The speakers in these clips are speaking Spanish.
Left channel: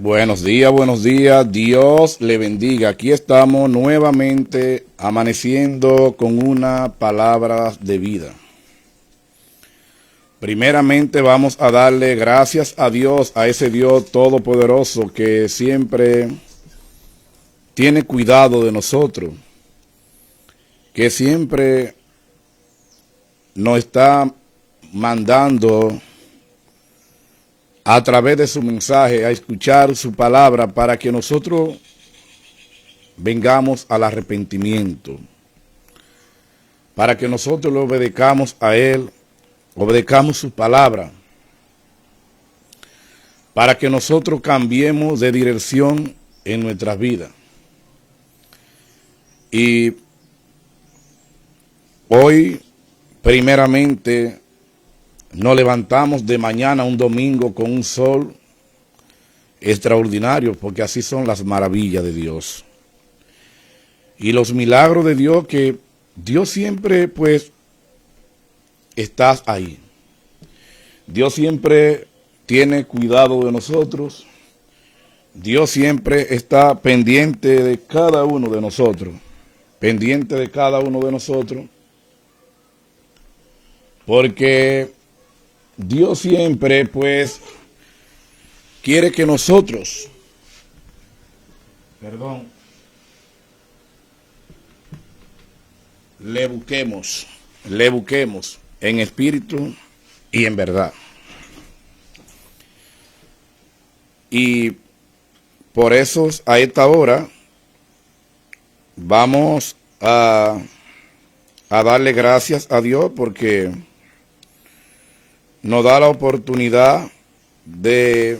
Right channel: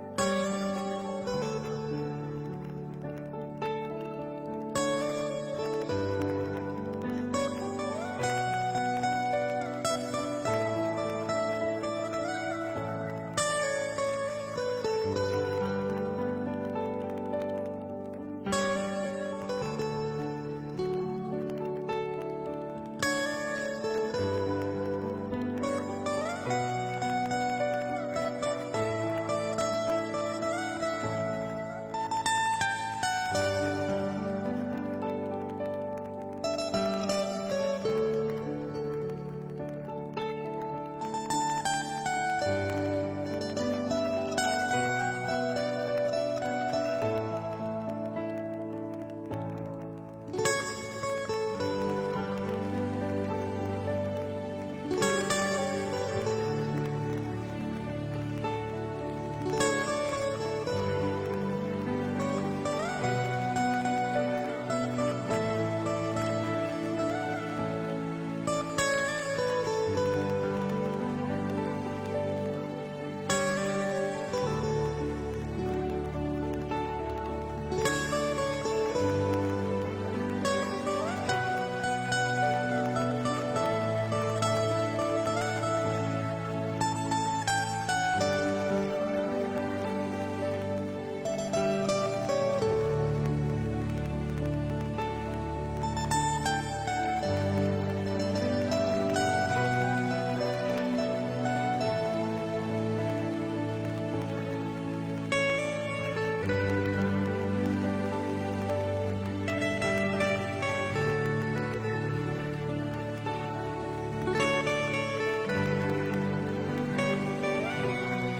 Buenos días, Dios le bendiga. Aquí estamos nuevamente amaneciendo con una palabra de vida. Primeramente vamos a darle gracias a Dios, a ese Dios todopoderoso que siempre tiene cuidado de nosotros, que siempre nos está mandando a través de su mensaje a escuchar su palabra para que nosotros vengamos al arrepentimiento, para que nosotros le obedezcamos a Él, obedezcamos su palabra, para que nosotros cambiemos de dirección en nuestras vidas. Y hoy, primeramente, nos levantamos de mañana un domingo con un sol extraordinario, porque así son las maravillas de Dios. Y los milagros de Dios, que Dios siempre pues está ahí. Dios siempre tiene cuidado de nosotros. Dios siempre está pendiente de cada uno de nosotros. Pendiente de cada uno de nosotros. Porque Dios siempre, pues, quiere que nosotros le busquemos en espíritu y en verdad. Y por eso a esta hora vamos a darle gracias a Dios, porque nos da la oportunidad de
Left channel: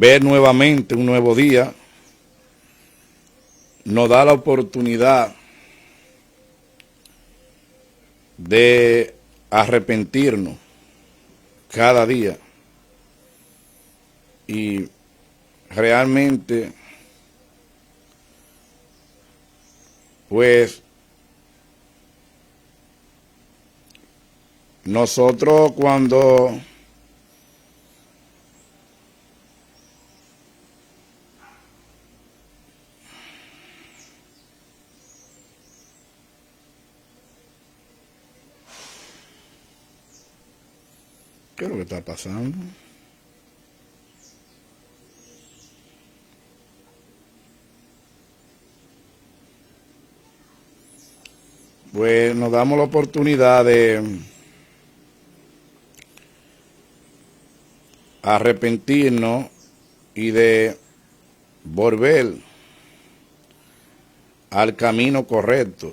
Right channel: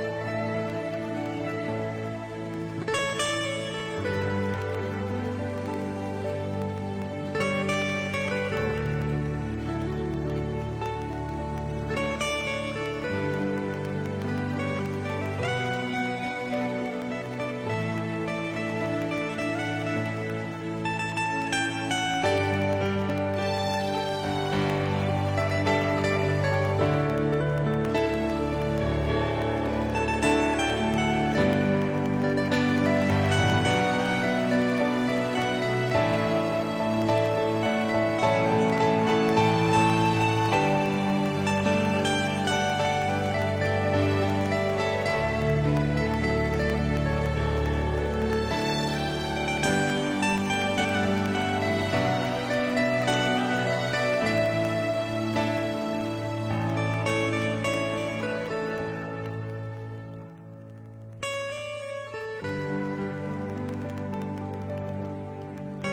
ver nuevamente un nuevo día. Nos da la oportunidad de arrepentirnos cada día. Y realmente, pues, nosotros cuando pues nos damos la oportunidad de arrepentirnos y de volver al camino correcto,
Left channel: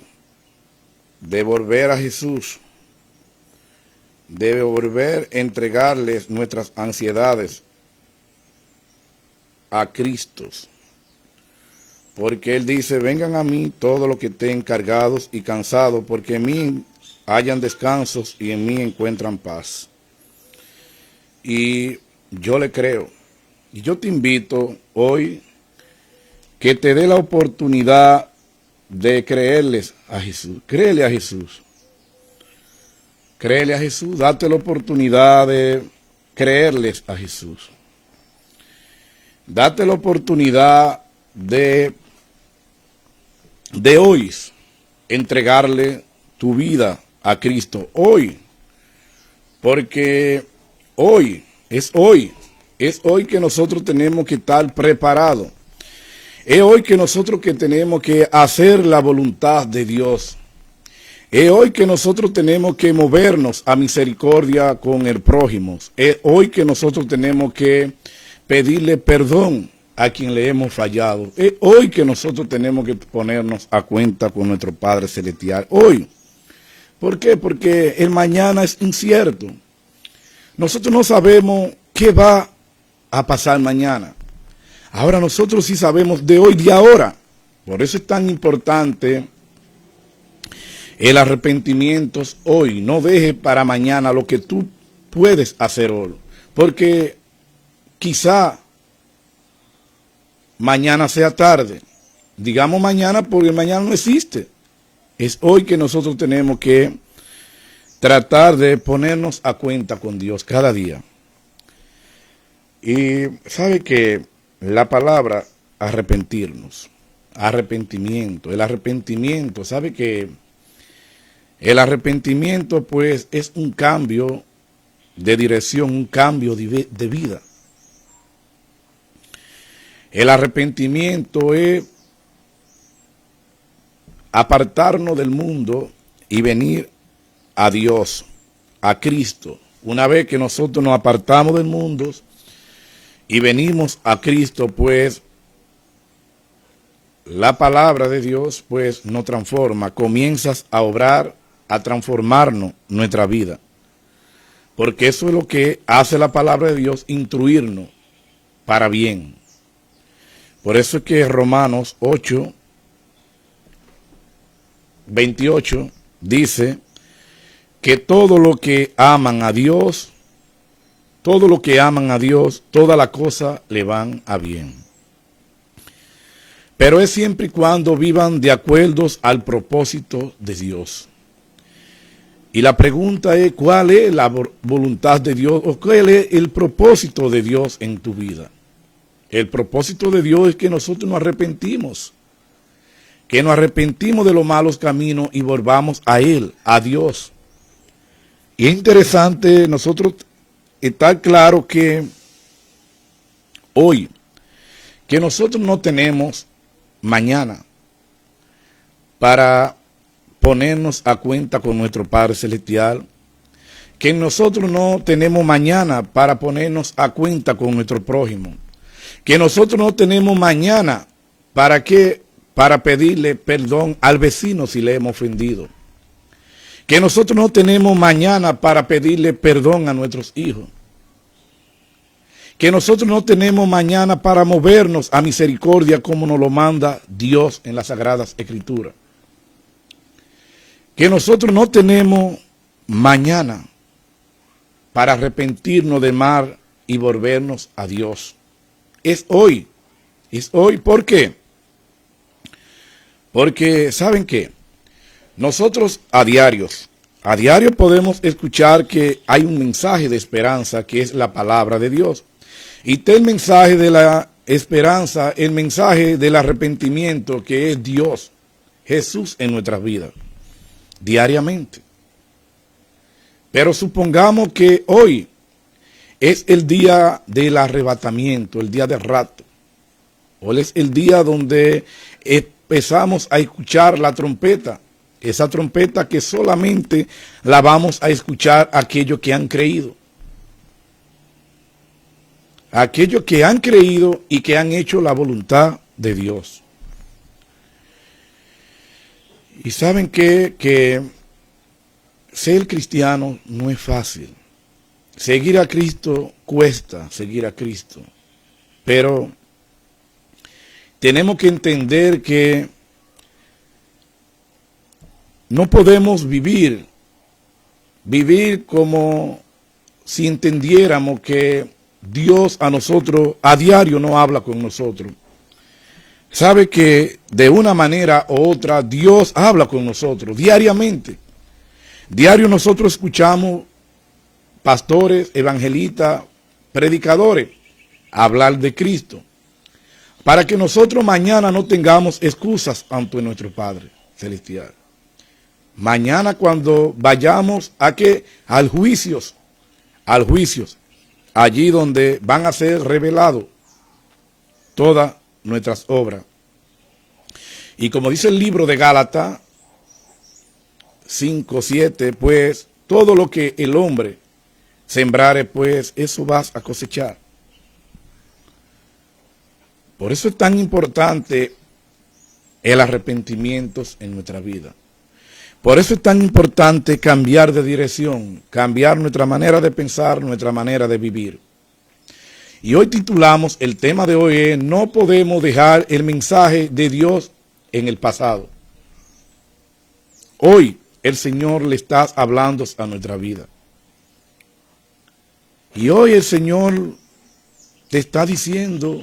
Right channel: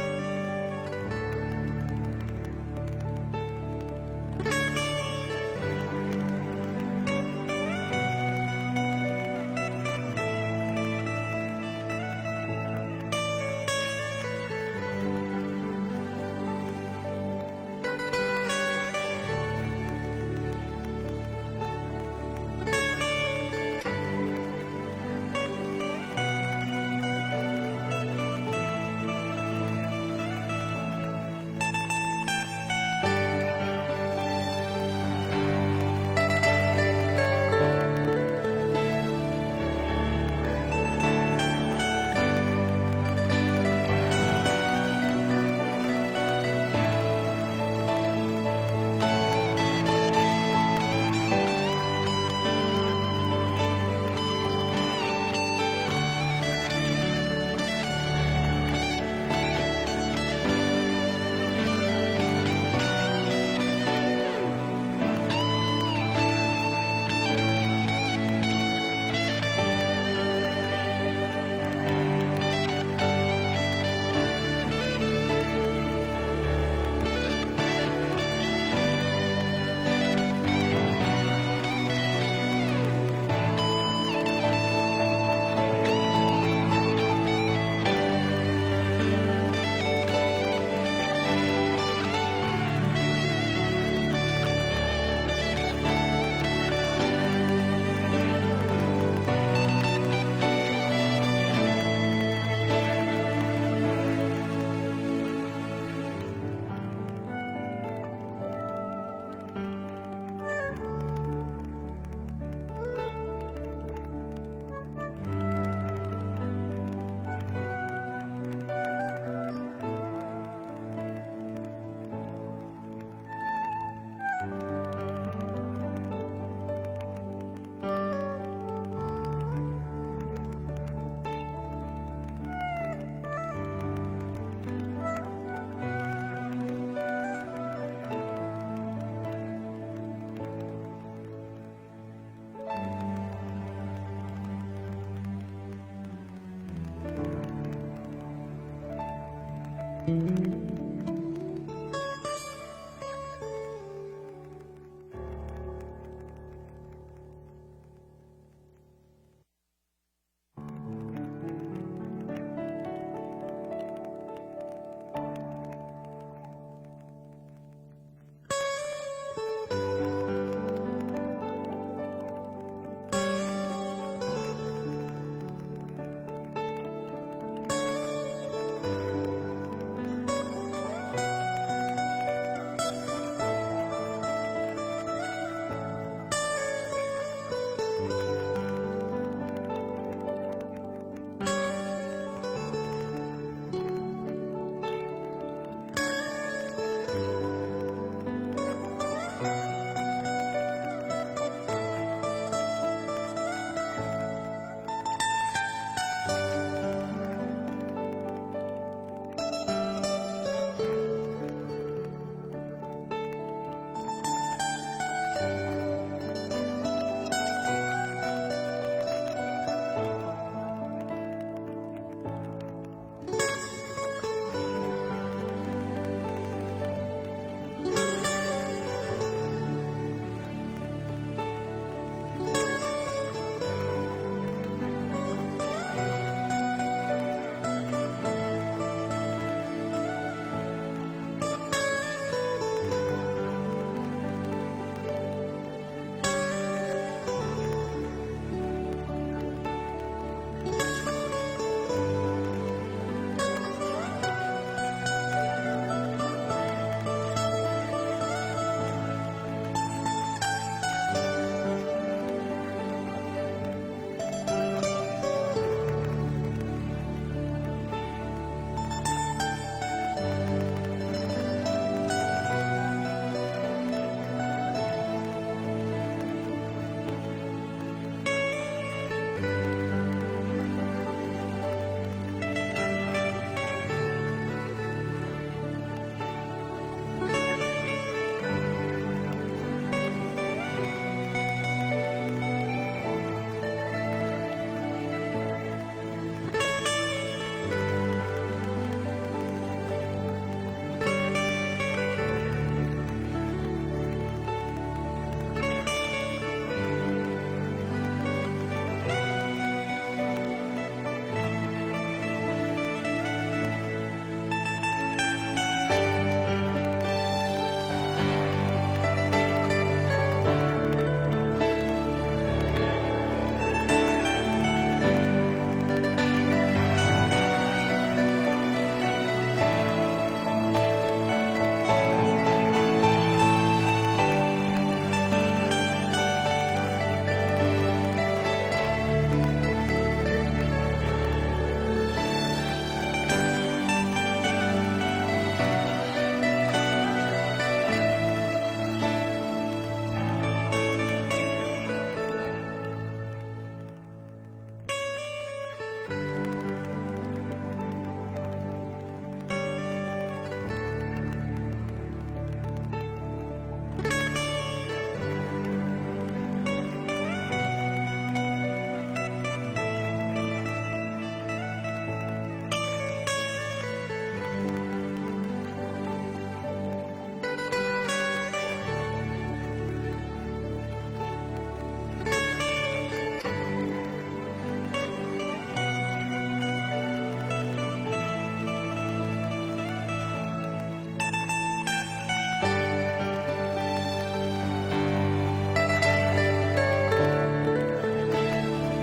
de volver a Jesús, de volver a entregarles nuestras ansiedades a Cristo. Porque Él dice: vengan a mí todos los que estén cargados y cansados, porque en mí hallan descansos y en mí encuentran paz. Y yo le creo. Yo te invito hoy que te dé la oportunidad de creerles a Jesús. Créele a Jesús. Créele a Jesús. Date la oportunidad de creerles a Jesús. Date la oportunidad de hoy entregarle tu vida a Cristo. Hoy. Porque hoy es hoy que nosotros tenemos que estar preparados. Es hoy que nosotros que tenemos que hacer la voluntad de Dios. Es hoy que nosotros tenemos que movernos a misericordia con el prójimo. Es hoy que nosotros tenemos que pedirle perdón a quien le hemos fallado. Es hoy que nosotros tenemos que ponernos a cuenta con nuestro Padre Celestial. Hoy. ¿Por qué? Porque el mañana es incierto. Nosotros no sabemos qué va a pasar mañana. Ahora nosotros sí sabemos de hoy y ahora. Por eso es tan importante el arrepentimiento hoy. No dejes para mañana lo que tú puedes hacer hoy. Porque quizá mañana sea tarde. Digamos mañana porque mañana no existe. Es hoy que nosotros tenemos que tratar de ponernos a cuenta con Dios cada día. Y sabe que la palabra arrepentirnos, arrepentimiento, el arrepentimiento, sabe que el arrepentimiento pues es un cambio de dirección, un cambio de vida. El arrepentimiento es apartarnos del mundo y venir a Dios, a Cristo. Una vez que nosotros nos apartamos del mundo y venimos a Cristo, pues la palabra de Dios pues nos transforma, comienzas a obrar, a transformarnos nuestra vida. Porque eso es lo que hace la palabra de Dios, instruirnos para bien. Por eso es que Romanos 8, 28 dice que todo lo que aman a Dios, toda la cosa le van a bien. Pero es siempre y cuando vivan de acuerdo al propósito de Dios. Y la pregunta es, ¿cuál es la voluntad de Dios o cuál es el propósito de Dios en tu vida? El propósito de Dios es que nosotros nos arrepentimos. Que nos arrepentimos de los malos caminos y volvamos a Él, a Dios. Y es interesante nosotros estar claro que hoy, que nosotros no tenemos mañana para ponernos a cuenta con nuestro Padre Celestial, que nosotros no tenemos mañana para ponernos a cuenta con nuestro prójimo, que nosotros no tenemos mañana para pedirle perdón al vecino si le hemos ofendido, que nosotros no tenemos mañana para pedirle perdón a nuestros hijos, que nosotros no tenemos mañana para movernos a misericordia como nos lo manda Dios en las Sagradas Escrituras, que nosotros no tenemos mañana para arrepentirnos de mal y volvernos a Dios. Es hoy, ¿por qué? Porque, ¿saben qué? Nosotros a diario podemos escuchar que hay un mensaje de esperanza que es la palabra de Dios. Y está el mensaje de la esperanza, el mensaje del arrepentimiento que es Dios, Jesús en nuestras vidas, diariamente. Pero supongamos que hoy es el día del arrebatamiento, el día del rapto. Hoy es el día donde empezamos a escuchar la trompeta, esa trompeta que solamente la vamos a escuchar aquellos que han creído. Aquellos que han creído y que han hecho la voluntad de Dios. Y saben que ser cristiano no es fácil. Seguir a Cristo cuesta, seguir a Cristo. Pero tenemos que entender que no podemos vivir como si entendiéramos que Dios a nosotros a diario no habla con nosotros. Sabe que de una manera u otra Dios habla con nosotros diariamente. Diario nosotros escuchamos pastores, evangelistas, predicadores hablar de Cristo, para que nosotros mañana no tengamos excusas ante nuestro Padre Celestial. Mañana cuando vayamos al juicio, allí donde van a ser revelados todas nuestras obras. Y como dice el libro de Gálatas 5:7, pues todo lo que el hombre sembrare, pues eso vas a cosechar. Por eso es tan importante el arrepentimiento en nuestra vida. Por eso es tan importante cambiar de dirección, cambiar nuestra manera de pensar, nuestra manera de vivir. Y hoy titulamos, el tema de hoy es, no podemos dejar el mensaje de Dios en el pasado. Hoy el Señor le está hablando a nuestra vida. Y hoy el Señor te está diciendo,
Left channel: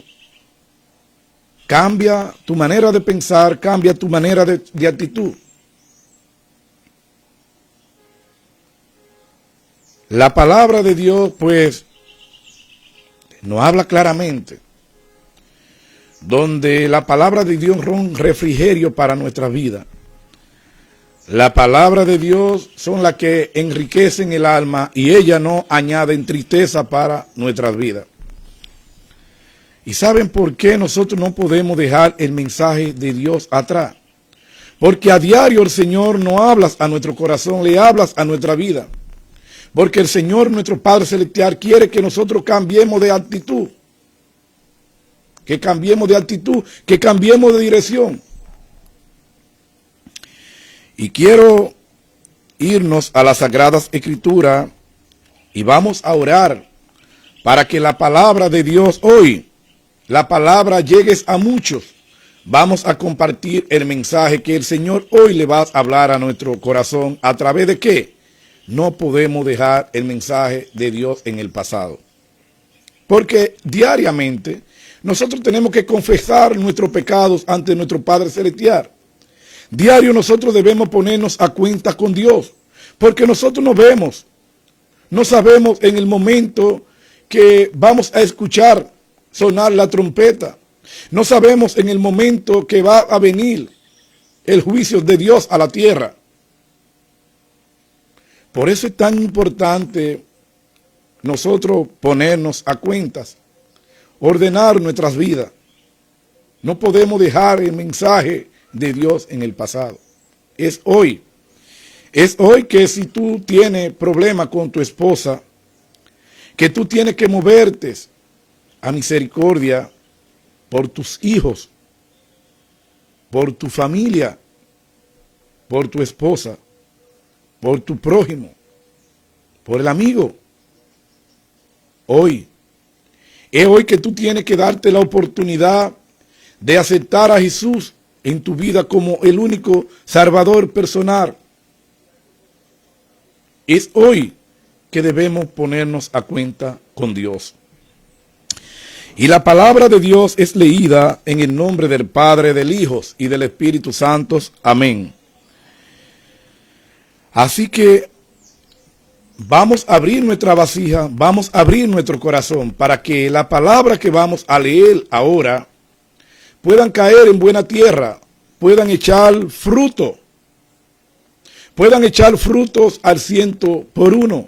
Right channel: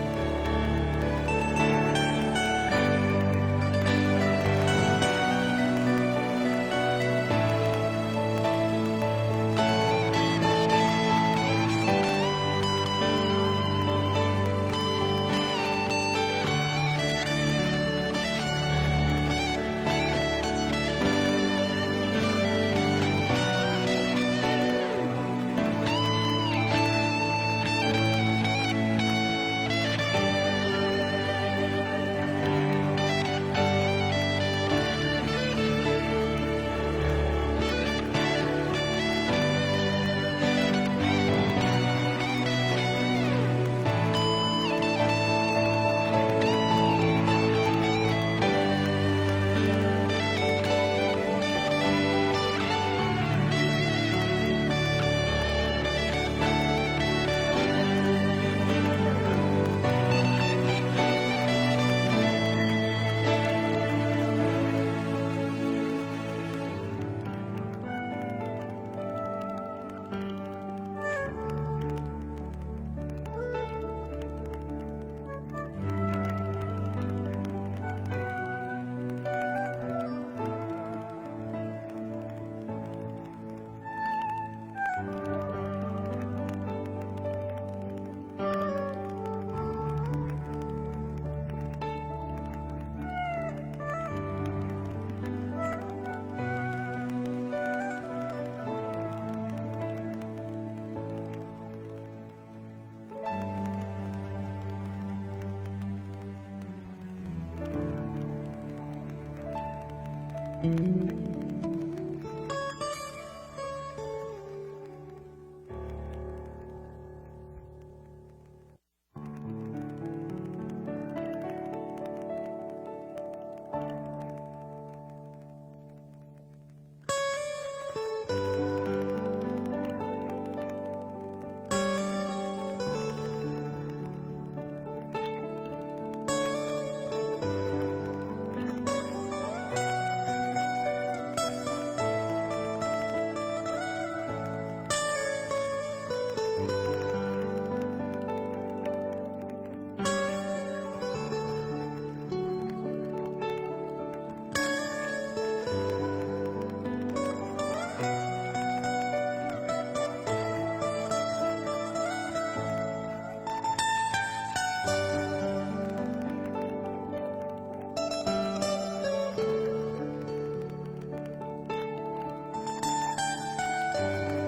cambia tu manera de pensar, cambia tu manera de actitud. La palabra de Dios, pues, nos habla claramente, donde la palabra de Dios es un refrigerio para nuestra vida. La palabra de Dios son las que enriquecen el alma y ellas no añaden tristeza para nuestras vidas. ¿Y saben por qué nosotros no podemos dejar el mensaje de Dios atrás? Porque a diario el Señor nos habla a nuestro corazón, le hablas a nuestra vida. Porque el Señor, nuestro Padre Celestial, quiere que nosotros cambiemos de actitud. Que cambiemos de actitud, que cambiemos de dirección. Y quiero irnos a las Sagradas Escrituras y vamos a orar para que la palabra de Dios hoy, la palabra llegue a muchos. Vamos a compartir el mensaje que el Señor hoy le va a hablar a nuestro corazón. ¿A través de qué? No podemos dejar el mensaje de Dios en el pasado. Porque diariamente nosotros tenemos que confesar nuestros pecados ante nuestro Padre Celestial. Diario nosotros debemos ponernos a cuenta con Dios. Porque nosotros no vemos, no sabemos en el momento que vamos a escuchar sonar la trompeta. No sabemos en el momento que va a venir el juicio de Dios a la tierra. Por eso es tan importante nosotros ponernos a cuentas, ordenar nuestras vidas. No podemos dejar el mensaje de Dios en el pasado. Es hoy. Es hoy que si tú tienes problemas con tu esposa, que tú tienes que moverte a misericordia por tus hijos, por tu familia, por tu esposa, por tu prójimo, por el amigo. Hoy, es hoy que tú tienes que darte la oportunidad de aceptar a Jesús en tu vida como el único Salvador personal. Es hoy que debemos ponernos a cuenta con Dios. Y la palabra de Dios es leída en el nombre del Padre, del Hijo y del Espíritu Santo. Amén. Así que vamos a abrir nuestra vasija, vamos a abrir nuestro corazón para que la palabra que vamos a leer ahora puedan caer en buena tierra, puedan echar fruto, puedan echar frutos al 100%,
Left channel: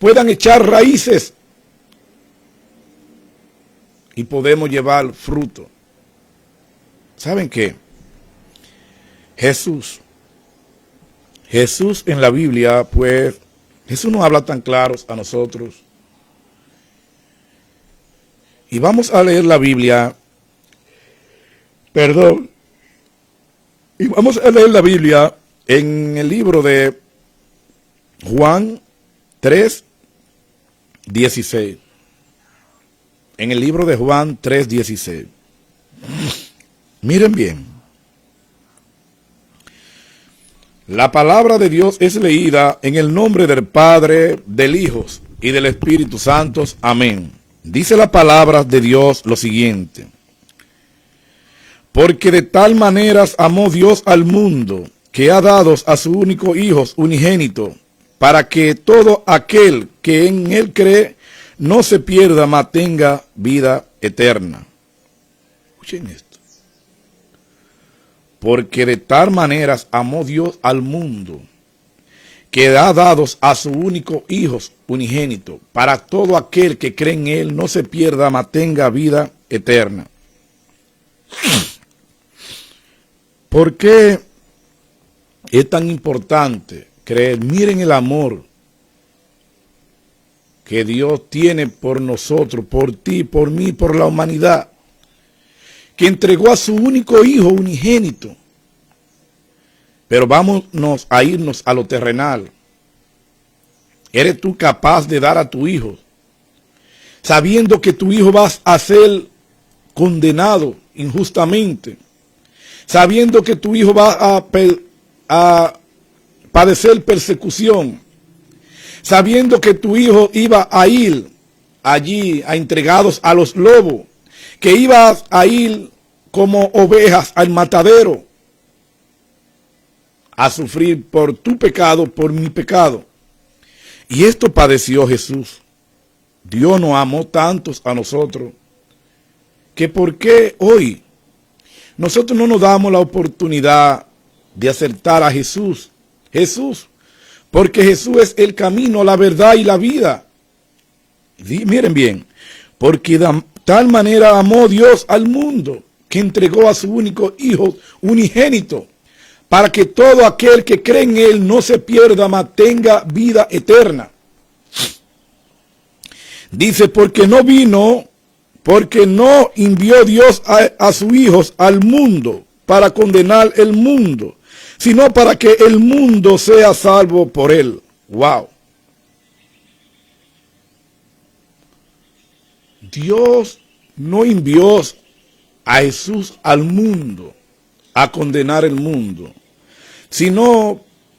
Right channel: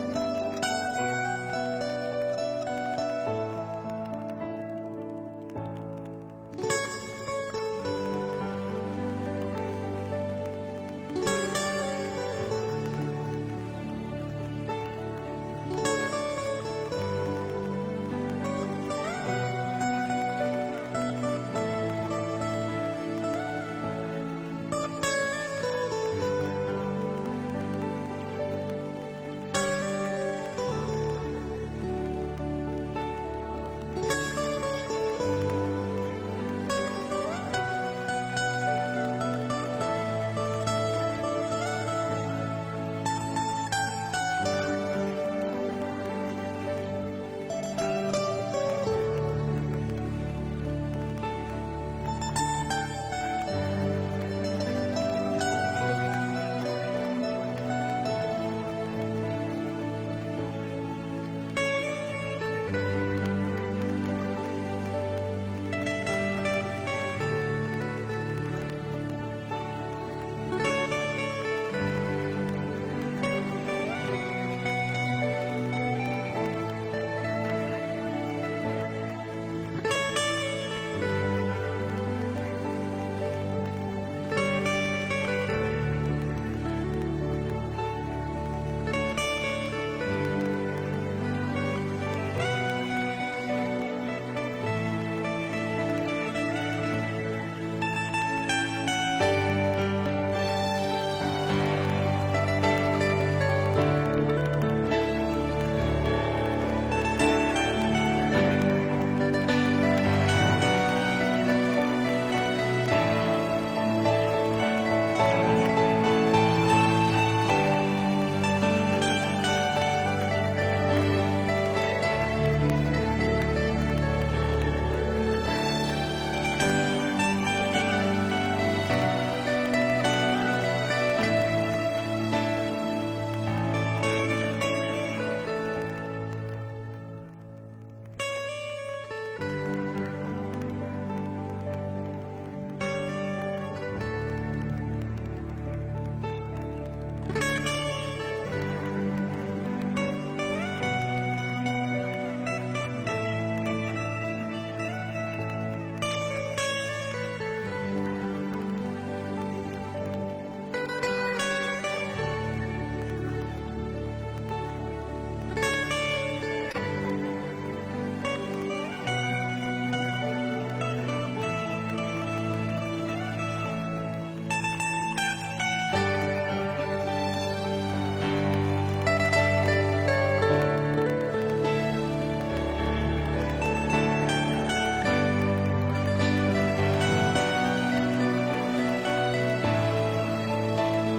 puedan echar raíces y podemos llevar fruto. ¿Saben qué? Jesús en la Biblia, pues, Jesús nos habla tan claros a nosotros. Y vamos a leer la Biblia. Y vamos a leer la Biblia en el libro de Juan 3:16. En el libro de Juan 3:16. Miren bien. La palabra de Dios es leída en el nombre del Padre, del Hijo y del Espíritu Santo. Amén. Dice la palabra de Dios lo siguiente. Porque de tal manera amó Dios al mundo, que ha dado a su único Hijo unigénito, para que todo aquel que en él cree no se pierda, mas tenga vida eterna. Escuchen esto. Porque de tal manera amó Dios al mundo, que ha dado a su único Hijo unigénito, para todo aquel que cree en él no se pierda, mas tenga vida eterna. ¿Por qué es tan importante creer? Miren el amor que Dios tiene por nosotros, por ti, por mí, por la humanidad, que entregó a su único Hijo unigénito. Pero vámonos a irnos a lo terrenal. ¿Eres tú capaz de dar a tu hijo, sabiendo que tu hijo va a ser condenado injustamente, sabiendo que tu hijo va a padecer persecución, sabiendo que tu hijo iba a ir allí a entregados a los lobos, que ibas a ir como ovejas al matadero, a sufrir por tu pecado, por mi pecado? Y esto padeció Jesús. Dios nos amó tantos a nosotros que por qué hoy nosotros no nos damos la oportunidad de acertar a Jesús. Porque Jesús es el camino, la verdad y la vida. Sí, miren bien, porque de tal manera amó Dios al mundo que entregó a su único Hijo unigénito, para que todo aquel que cree en Él no se pierda, mas tenga vida eterna. Dice, porque no envió Dios a sus hijos al mundo para condenar el mundo, sino para que el mundo sea salvo por Él. Wow. Dios no envió a Jesús al mundo a condenar el mundo, sino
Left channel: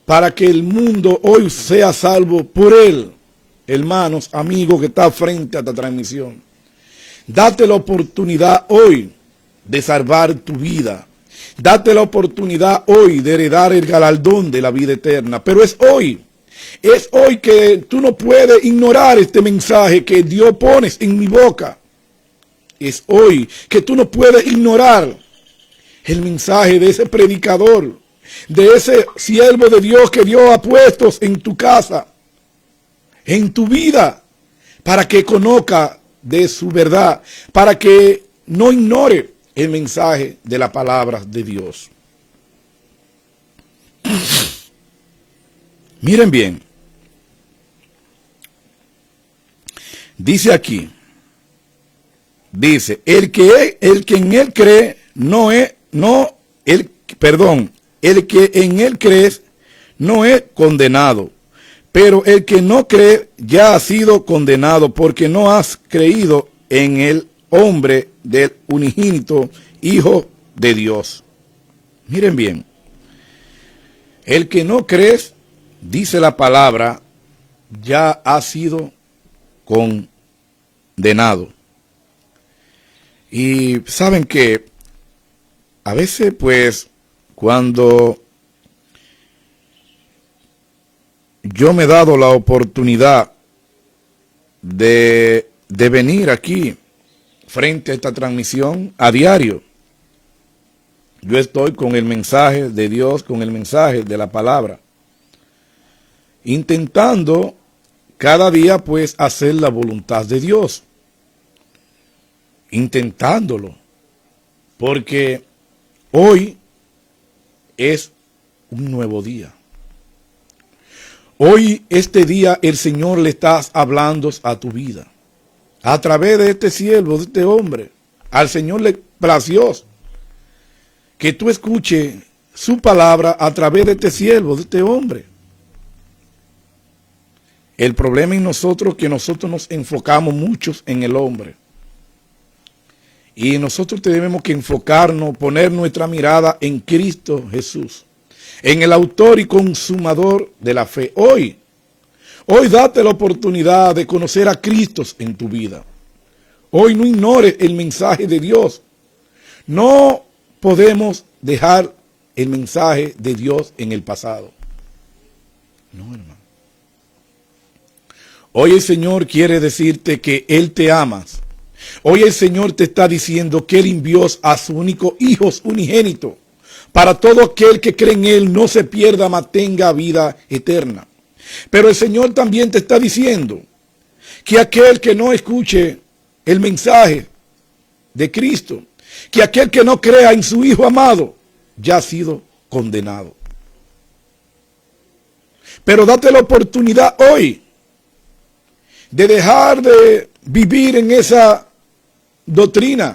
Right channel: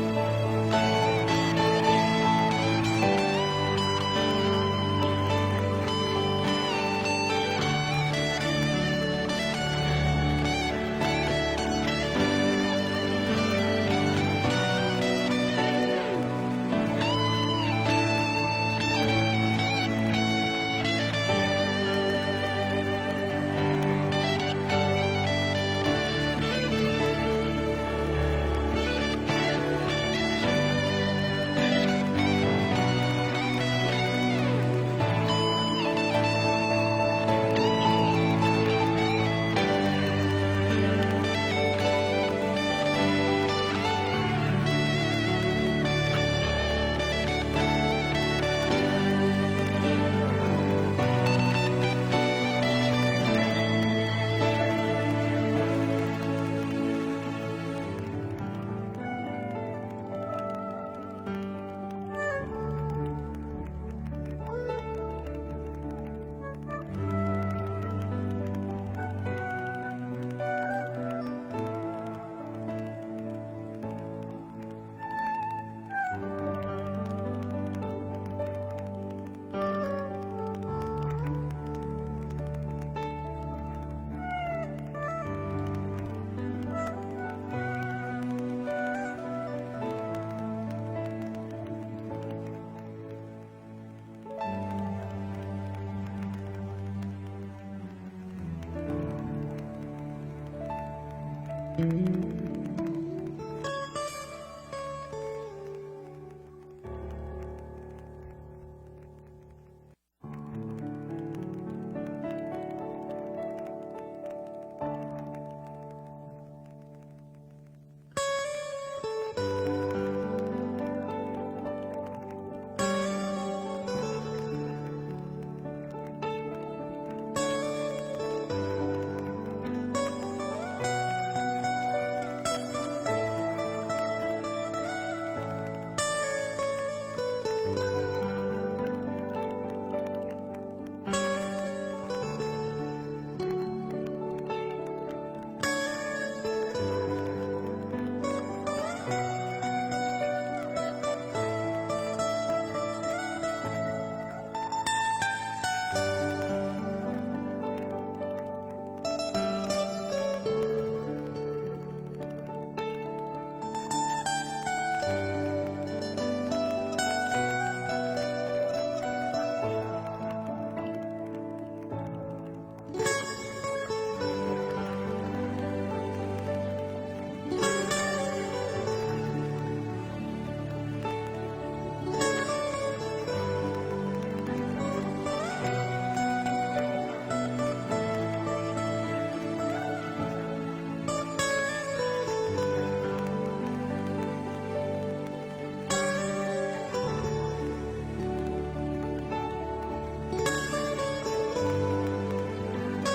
para que el mundo hoy sea salvo por Él. Hermanos, amigos que está frente a esta transmisión, date la oportunidad hoy de salvar tu vida. Date la oportunidad hoy de heredar el galardón de la vida eterna. Pero es hoy que tú no puedes ignorar este mensaje que Dios pone en mi boca. Es hoy que tú no puedes ignorar el mensaje de ese predicador, de ese siervo de Dios que Dios ha puesto en tu casa, en tu vida, para que conozca de su verdad, para que no ignore el mensaje de la palabra de Dios. Miren bien, dice aquí, dice, el que en Él cree el que en Él cree no es condenado. Pero el que no cree ya ha sido condenado, porque no has creído en el hombre del unigénito Hijo de Dios. Miren bien, el que no cree, dice la palabra, ya ha sido condenado. Y saben que a veces, pues, cuando yo me he dado la oportunidad de venir aquí frente a esta transmisión a diario, yo estoy con el mensaje de Dios, con el mensaje de la palabra, intentando cada día pues hacer la voluntad de Dios, intentándolo, porque hoy es un nuevo día. Hoy, este día, el Señor le está hablando a tu vida. A través de este siervo, de este hombre. Al Señor le plació que tú escuches su palabra a través de este siervo, de este hombre. El problema en nosotros es que nosotros nos enfocamos muchos en el hombre. Y nosotros tenemos que enfocarnos, poner nuestra mirada en Cristo Jesús, en el autor y consumador de la fe. Hoy date la oportunidad de conocer a Cristo en tu vida. Hoy no ignores el mensaje de Dios. No podemos dejar el mensaje de Dios en el pasado. Hoy el Señor quiere decirte que Él te ama. Hoy el Señor te está diciendo que Él envió a su único Hijo unigénito, para todo aquel que cree en Él no se pierda, mas tenga vida eterna. Pero el Señor también te está diciendo que aquel que no escuche el mensaje de Cristo, que aquel que no crea en su Hijo amado, ya ha sido condenado. Pero date la oportunidad hoy de dejar de vivir en esa doctrina,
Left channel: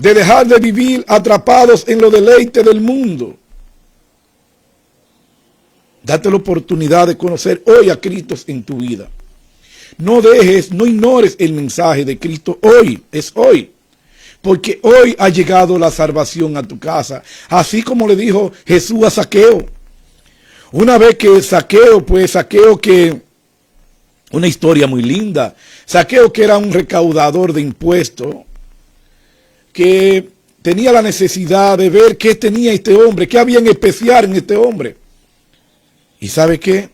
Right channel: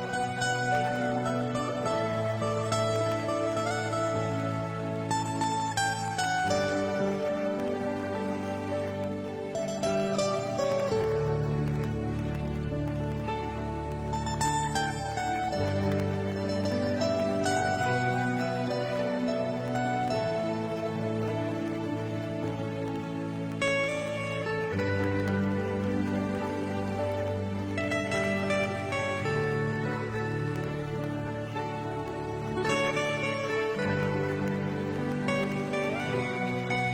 de dejar de vivir atrapados en los deleites del mundo. Date la oportunidad de conocer hoy a Cristo en tu vida. No ignores el mensaje de Cristo. Hoy es hoy, porque hoy ha llegado la salvación a tu casa, así como le dijo Jesús a Zaqueo. Una vez que Zaqueo que una historia muy linda. Zaqueo, que era un recaudador de impuestos, que tenía la necesidad de ver qué tenía este hombre, qué había en especial en este hombre. ¿Y sabe qué?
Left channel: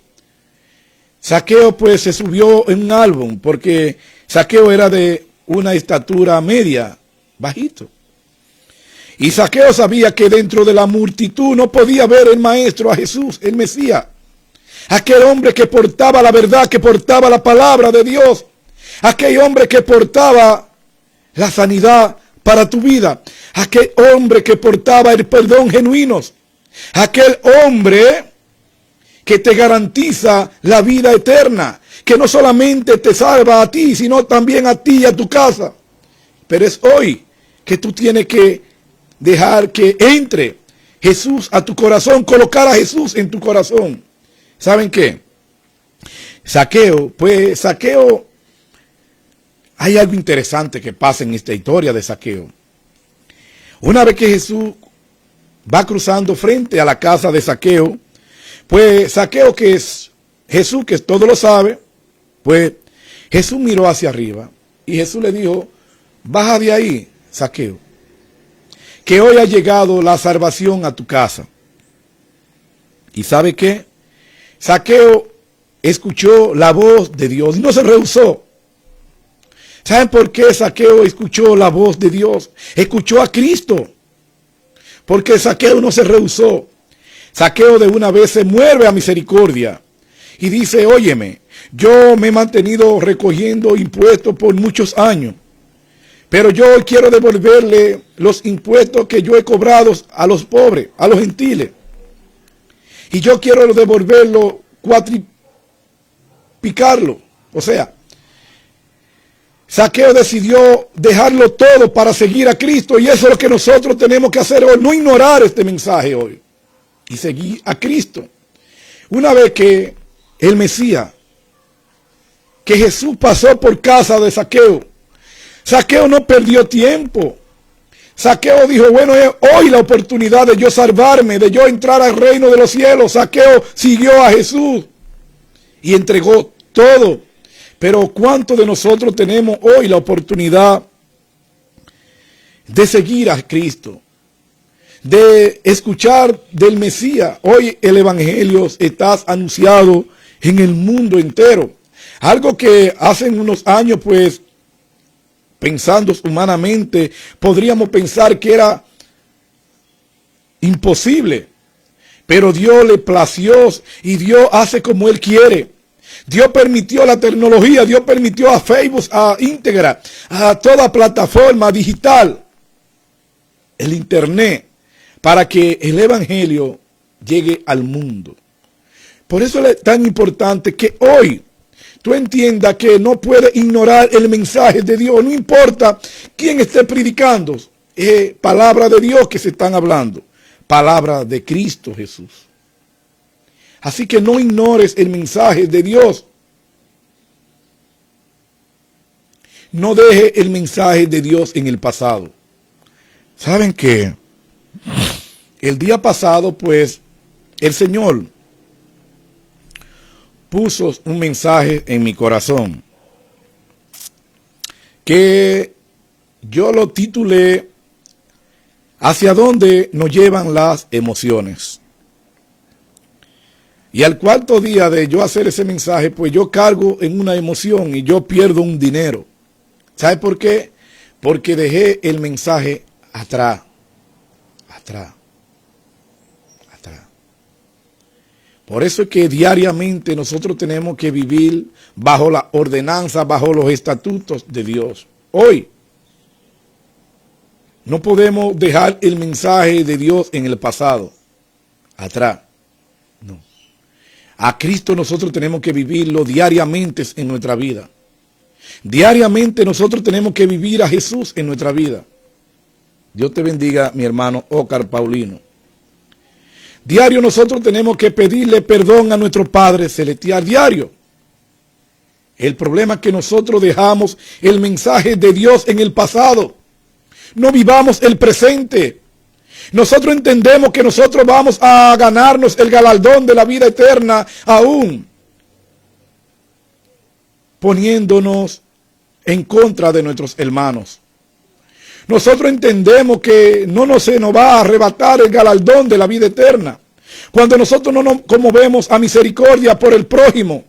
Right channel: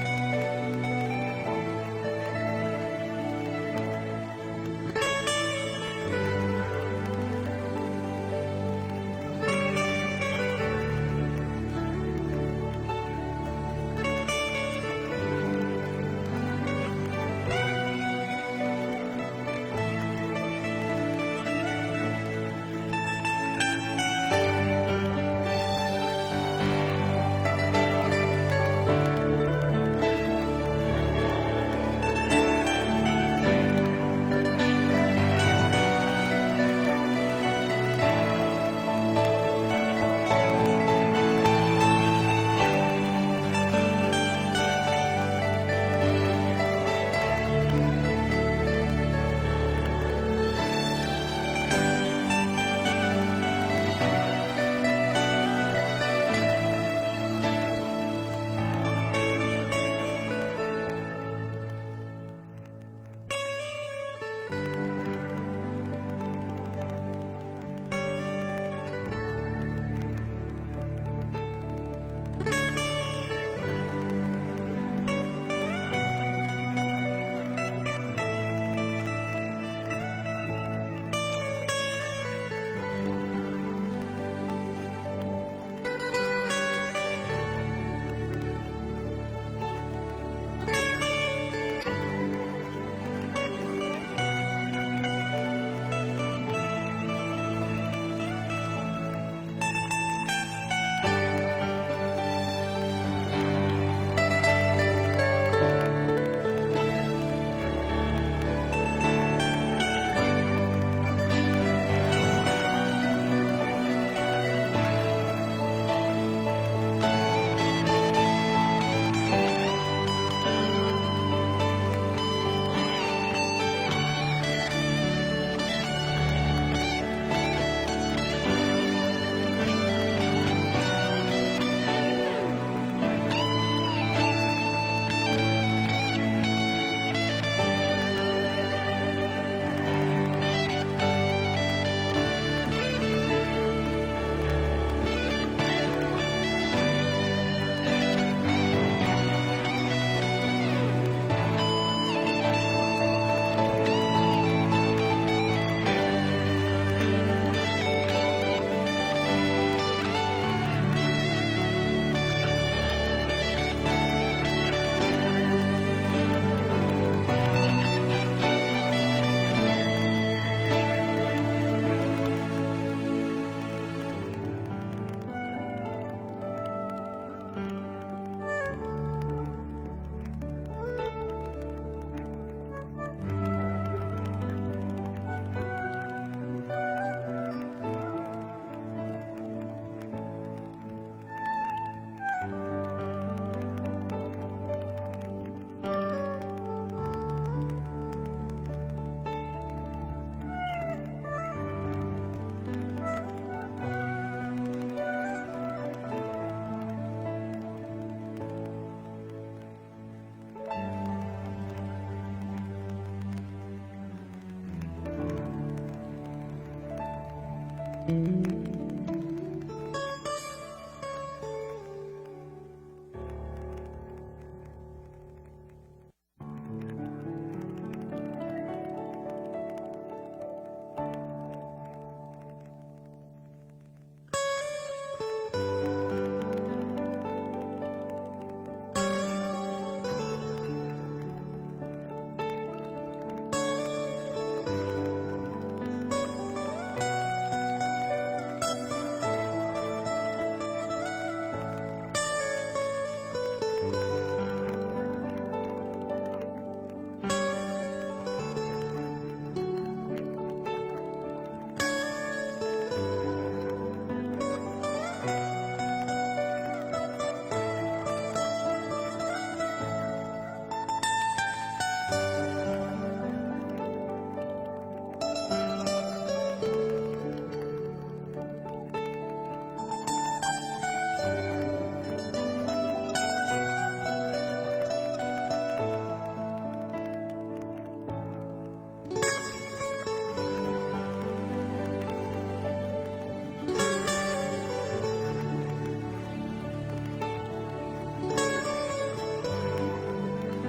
Zaqueo pues se subió en un árbol, porque Zaqueo era de una estatura media, bajito. Y Zaqueo sabía que dentro de la multitud no podía ver el maestro, a Jesús, el Mesías. Aquel hombre que portaba la verdad, que portaba la palabra de Dios. Aquel hombre que portaba la sanidad para tu vida. Aquel hombre que portaba el perdón genuino. Aquel hombre que te garantiza la vida eterna. Que no solamente te salva a ti, sino también a ti y a tu casa. Pero es hoy que tú tienes que dejar que entre Jesús a tu corazón, colocar a Jesús en tu corazón. ¿Saben qué? Zaqueo, hay algo interesante que pasa en esta historia de Zaqueo. Una vez que Jesús va cruzando frente a la casa de Zaqueo, pues Zaqueo, que es Jesús, que todo lo sabe, pues Jesús miró hacia arriba y Jesús le dijo: baja de ahí, Zaqueo, que hoy ha llegado la salvación a tu casa. ¿Y sabe qué? Zaqueo escuchó la voz de Dios, no se rehusó. ¿Saben por qué Zaqueo escuchó la voz de Dios? Escuchó a Cristo. Porque Zaqueo no se rehusó. Zaqueo de una vez se mueve a misericordia y dice: óyeme, yo me he mantenido recogiendo impuestos por muchos años, pero yo hoy quiero devolverle los impuestos que yo he cobrado a los pobres, a los gentiles. Y yo quiero devolverlo, cuatriplicarlo. O sea, Zaqueo decidió dejarlo todo para seguir a Cristo. Y eso es lo que nosotros tenemos que hacer hoy. No ignorar este mensaje hoy. Y seguir a Cristo. Una vez que el Mesías, que Jesús pasó por casa de Zaqueo, Zaqueo no perdió tiempo. Zaqueo dijo: bueno, es hoy la oportunidad de yo salvarme, de yo entrar al reino de los cielos. Zaqueo siguió a Jesús y entregó todo. Pero ¿cuántos de nosotros tenemos hoy la oportunidad de seguir a Cristo, de escuchar del Mesías? Hoy el Evangelio está anunciado en el mundo entero. Algo que hace unos años, pues, pensando humanamente, podríamos pensar que era imposible. Pero Dios le plació y Dios hace como Él quiere. Dios permitió la tecnología, Dios permitió a Facebook, a Instagram, a toda plataforma digital, el internet, para que el evangelio llegue al mundo. Por eso es tan importante que hoy tú entiendas que no puedes ignorar el mensaje de Dios. No importa quién esté predicando, es palabra de Dios que se están hablando, palabra de Cristo Jesús. Así que no ignores el mensaje de Dios. No deje el mensaje de Dios en el pasado. ¿Saben qué? El día pasado, pues, el Señor puso un mensaje en mi corazón que yo lo titulé ¿Hacia dónde nos llevan las emociones? Y al cuarto día de yo hacer ese mensaje, pues yo cargo en una emoción y yo pierdo un dinero. ¿Sabe por qué? Porque dejé el mensaje atrás. Por eso es que diariamente nosotros tenemos que vivir bajo la ordenanza, bajo los estatutos de Dios. Hoy no podemos dejar el mensaje de Dios en el pasado, atrás. A Cristo nosotros tenemos que vivirlo diariamente en nuestra vida. Diariamente nosotros tenemos que vivir a Jesús en nuestra vida. Dios te bendiga, mi hermano Óscar Paulino. Diario nosotros tenemos que pedirle perdón a nuestro Padre Celestial, diario. El problema es que nosotros dejamos el mensaje de Dios en el pasado. No vivamos el presente. Nosotros entendemos que nosotros vamos a ganarnos el galardón de la vida eterna aún poniéndonos en contra de nuestros hermanos. Nosotros entendemos que no se nos va a arrebatar el galardón de la vida eterna cuando nosotros no nos conmovemos a misericordia por el prójimo,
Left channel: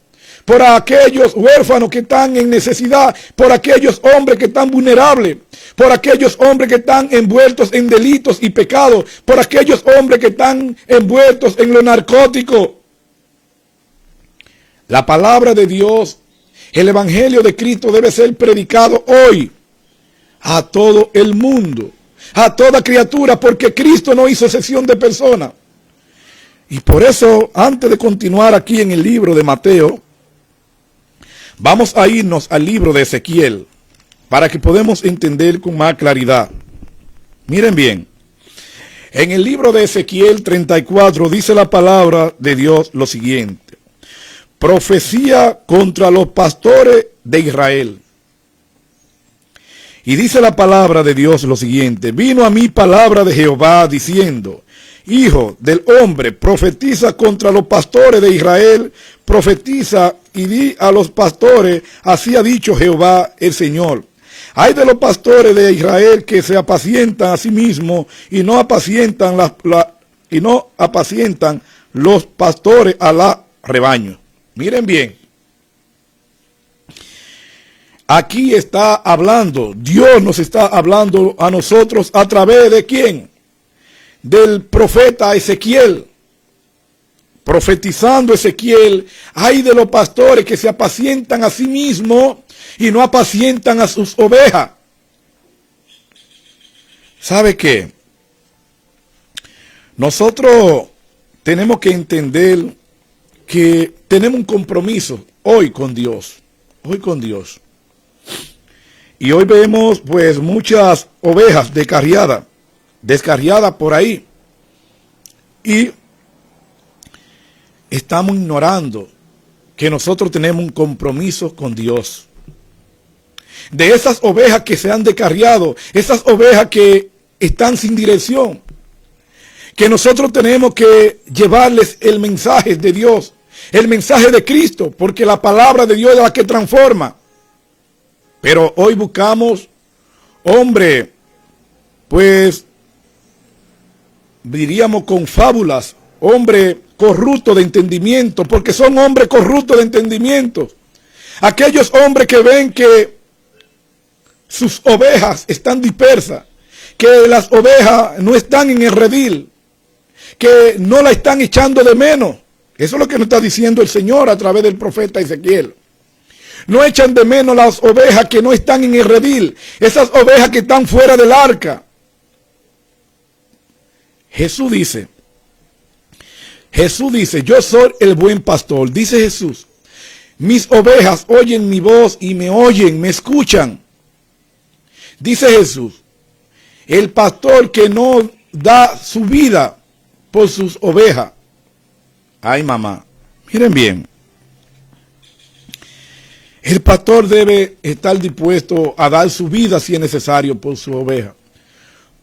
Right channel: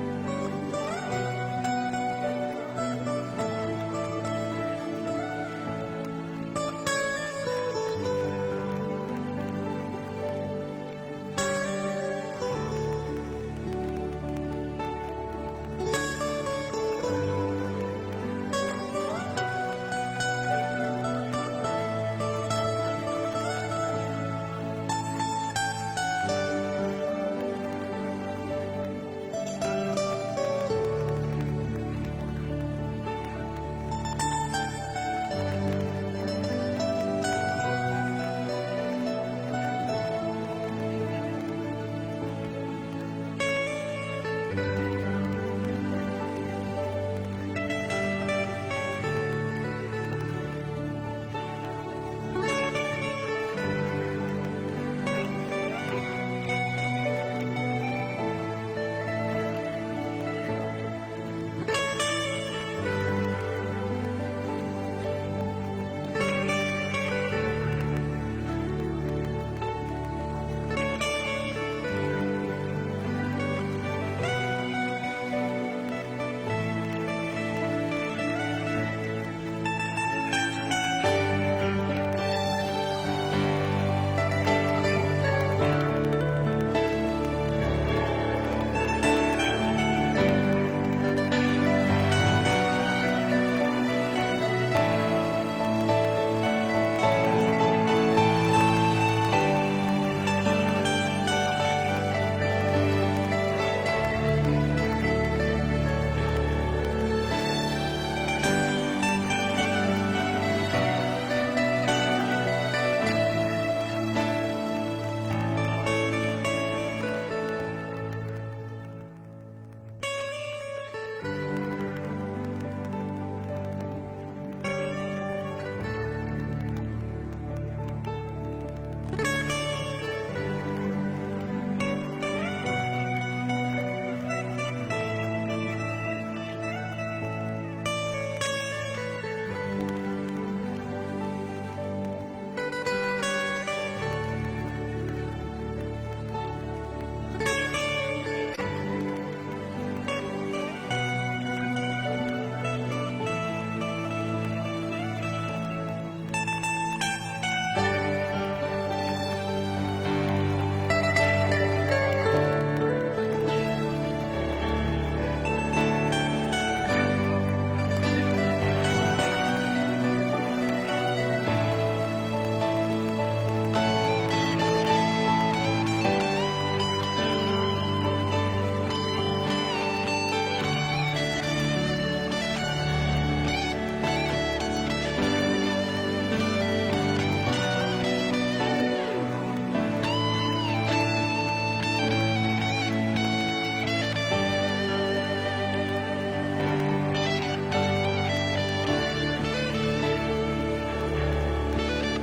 por aquellos huérfanos que están en necesidad, por aquellos hombres que están vulnerables, por aquellos hombres que están envueltos en delitos y pecados, por aquellos hombres que están envueltos en los narcóticos. La palabra de Dios, el evangelio de Cristo debe ser predicado hoy a todo el mundo, a toda criatura, porque Cristo no hizo excepción de personas. Y por eso, antes de continuar aquí en el libro de Mateo, vamos a irnos al libro de Ezequiel, para que podamos entender con más claridad. Miren bien, en el libro de Ezequiel 34 dice la palabra de Dios lo siguiente: profecía contra los pastores de Israel. Y dice la palabra de Dios lo siguiente: vino a mí palabra de Jehová diciendo, hijo del hombre, profetiza contra los pastores de Israel, profetiza y di a los pastores, así ha dicho Jehová el Señor. Hay de los pastores de Israel que se apacientan a sí mismos y no apacientan los pastores a la rebaño. Miren bien, aquí está hablando, Dios nos está hablando a nosotros a través de ¿quién? Del profeta Ezequiel. Profetizando Ezequiel, hay de los pastores que se apacientan a sí mismos y no apacientan a sus ovejas. ¿Sabe qué? Nosotros tenemos que entender que tenemos un compromiso hoy con Dios. Y hoy vemos pues muchas ovejas descarriadas por ahí. Y estamos ignorando que nosotros tenemos un compromiso con Dios. De esas ovejas que se han descarriado, esas ovejas que están sin dirección, que nosotros tenemos que llevarles el mensaje de Dios, el mensaje de Cristo, porque la palabra de Dios es la que transforma. Pero hoy buscamos hombre, pues diríamos con fábulas, hombre corrupto de entendimiento, porque son hombres corruptos de entendimiento. Aquellos hombres que ven que sus ovejas están dispersas, que las ovejas no están en el redil, que no la están echando de menos. Eso es lo que nos está diciendo el Señor a través del profeta Ezequiel. No echan de menos las ovejas que no están en el redil, esas ovejas que están fuera del arca. Jesús dice, yo soy el buen pastor. Dice Jesús, mis ovejas oyen mi voz y me oyen, me escuchan. Dice Jesús, el pastor que no da su vida por sus ovejas. Ay, mamá, miren bien. El pastor debe estar dispuesto a dar su vida si es necesario por su oveja.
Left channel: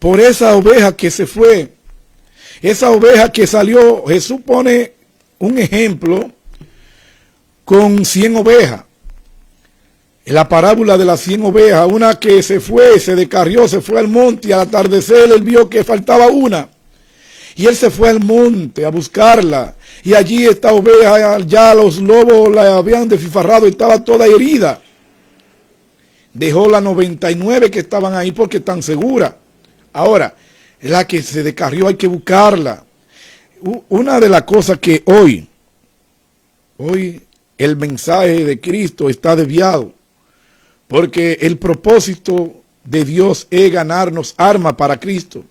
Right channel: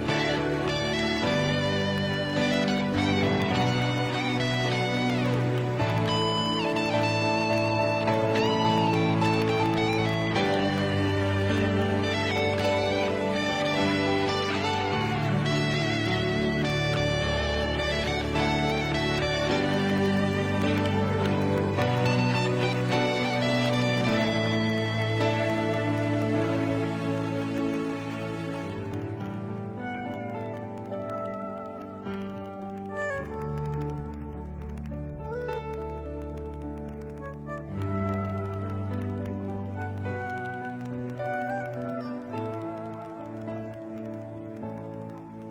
Por esa oveja que se fue, esa oveja que salió. Jesús pone un ejemplo con 100 ovejas. En la parábola de las 100 ovejas, una que se fue, se descarrió, se fue al monte y al atardecer él vio que faltaba una. Y él se fue al monte a buscarla. Y allí esta oveja, ya los lobos la habían desfifarrado y estaba toda herida. Dejó las 99 que estaban ahí porque están seguras. Ahora, la que se descarrió hay que buscarla. Una de las cosas que hoy el mensaje de Cristo está desviado. Porque el propósito de Dios es ganarnos armas para Cristo.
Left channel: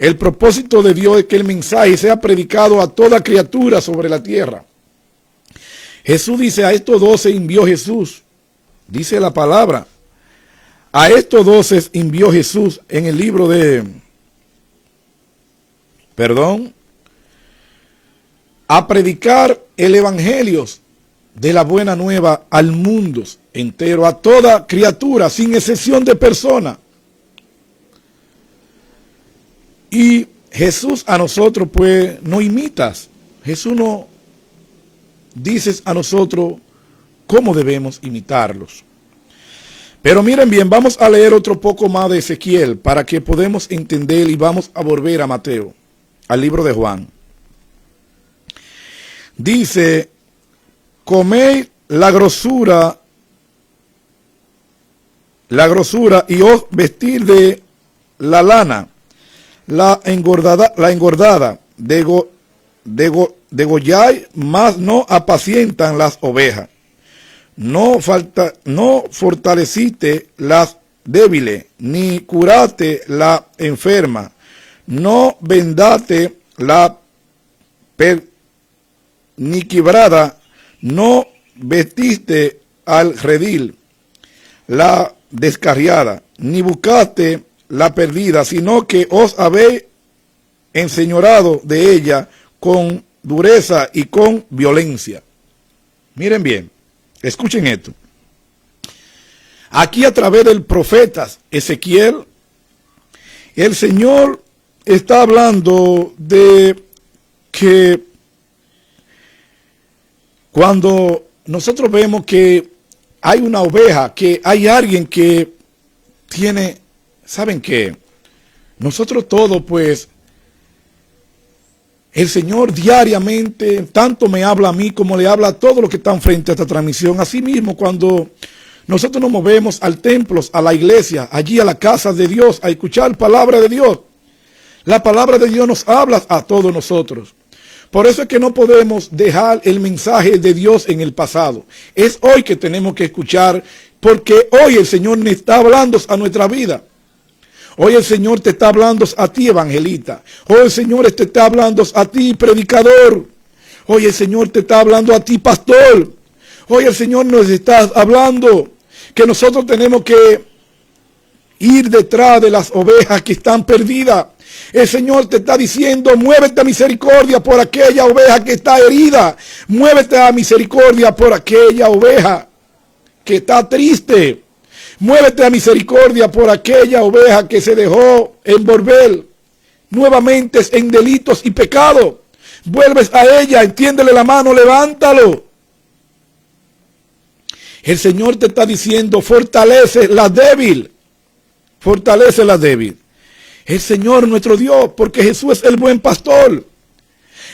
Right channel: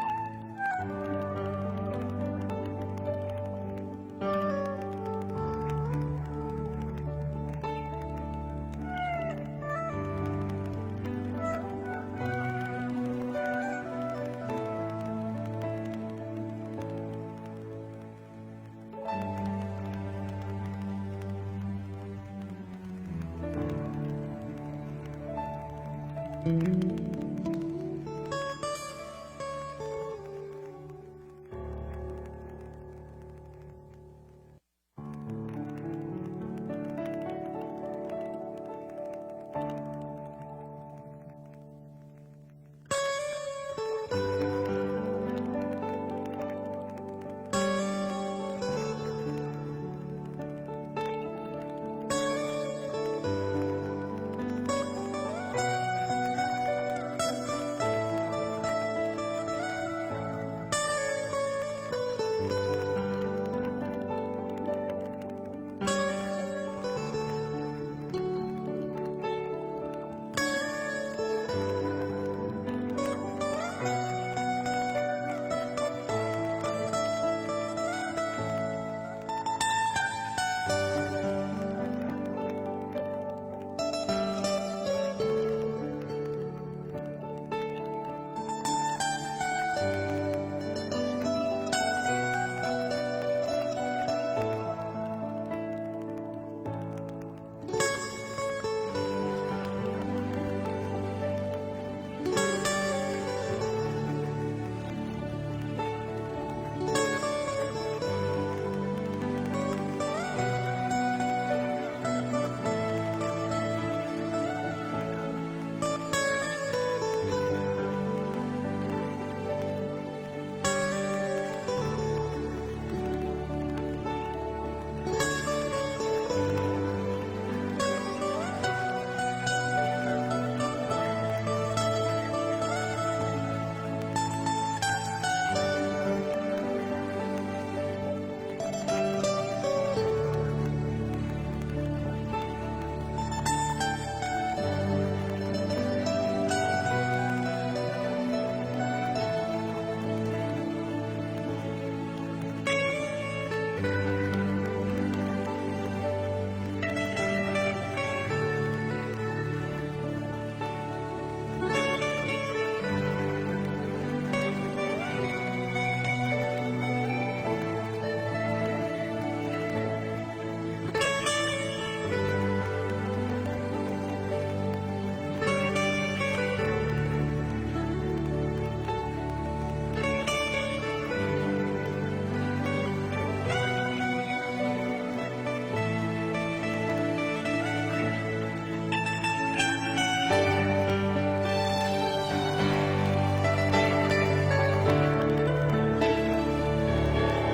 El propósito de Dios es que el mensaje sea predicado a toda criatura sobre la tierra. Jesús dice, a estos 12 envió Jesús. Dice la palabra. A estos 12 envió Jesús en el libro de... a predicar el evangelio de la buena nueva al mundo entero, a toda criatura, sin excepción de persona. Y Jesús a nosotros pues no imitas. Jesús no dices a nosotros cómo debemos imitarlos. Pero miren bien, vamos a leer otro poco más de Ezequiel para que podamos entender, y vamos a volver a Mateo, al libro de Juan. Dice, comed la grosura y os vestir de la lana, la engordada, degolláis, mas no apacientan las ovejas. No fortaleciste las débiles, ni curaste la enferma, no vendate la ni quebrada, no vestiste al redil la descarriada, ni buscaste la perdida, sino que os habéis enseñorado de ella con dureza y con violencia. Miren bien, escuchen esto. Aquí a través del profeta Ezequiel, el Señor está hablando de que cuando nosotros vemos que hay una oveja, que hay alguien que tiene, ¿saben qué? Nosotros todos, pues, el Señor diariamente, tanto me habla a mí como le habla a todos los que están frente a esta transmisión. Así mismo, cuando nosotros nos movemos al templo, a la iglesia, allí a la casa de Dios, a escuchar palabra de Dios, la palabra de Dios nos habla a todos nosotros. Por eso es que no podemos dejar el mensaje de Dios en el pasado. Es hoy que tenemos que escuchar, porque hoy el Señor me está hablando a nuestra vida. Hoy el Señor te está hablando a ti, evangelista. Hoy el Señor te está hablando a ti, predicador. Hoy el Señor te está hablando a ti, pastor. Hoy el Señor nos está hablando que nosotros tenemos que ir detrás de las ovejas que están perdidas. El Señor te está diciendo: muévete a misericordia por aquella oveja que está herida. Muévete a misericordia por aquella oveja que está triste. Muévete a misericordia por aquella oveja que se dejó envolver nuevamente en delitos y pecados. Vuelves a ella, extiéndele la mano, levántalo. El Señor te está diciendo: fortalece la débil. Fortalece la débil. El Señor nuestro Dios, porque Jesús es el buen pastor.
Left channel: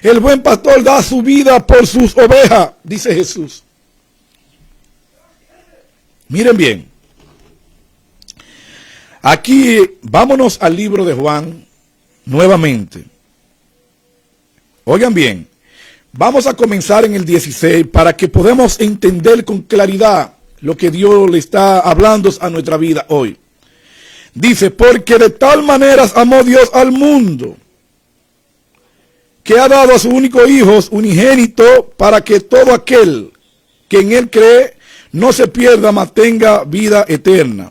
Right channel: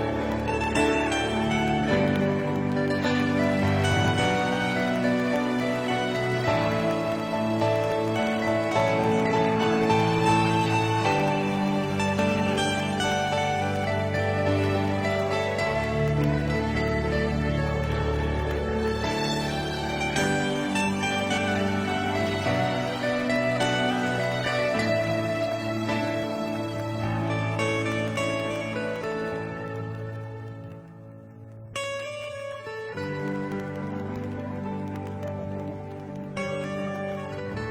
El buen pastor da su vida por sus ovejas, dice Jesús. Miren bien. Aquí vámonos al libro de Juan nuevamente. Oigan bien, vamos a comenzar en el 16 para que podamos entender con claridad lo que Dios le está hablando a nuestra vida hoy. Dice: porque de tal manera amó Dios al mundo, que ha dado a su único Hijo unigénito, para que todo aquel que en Él cree no se pierda, mas tenga vida eterna.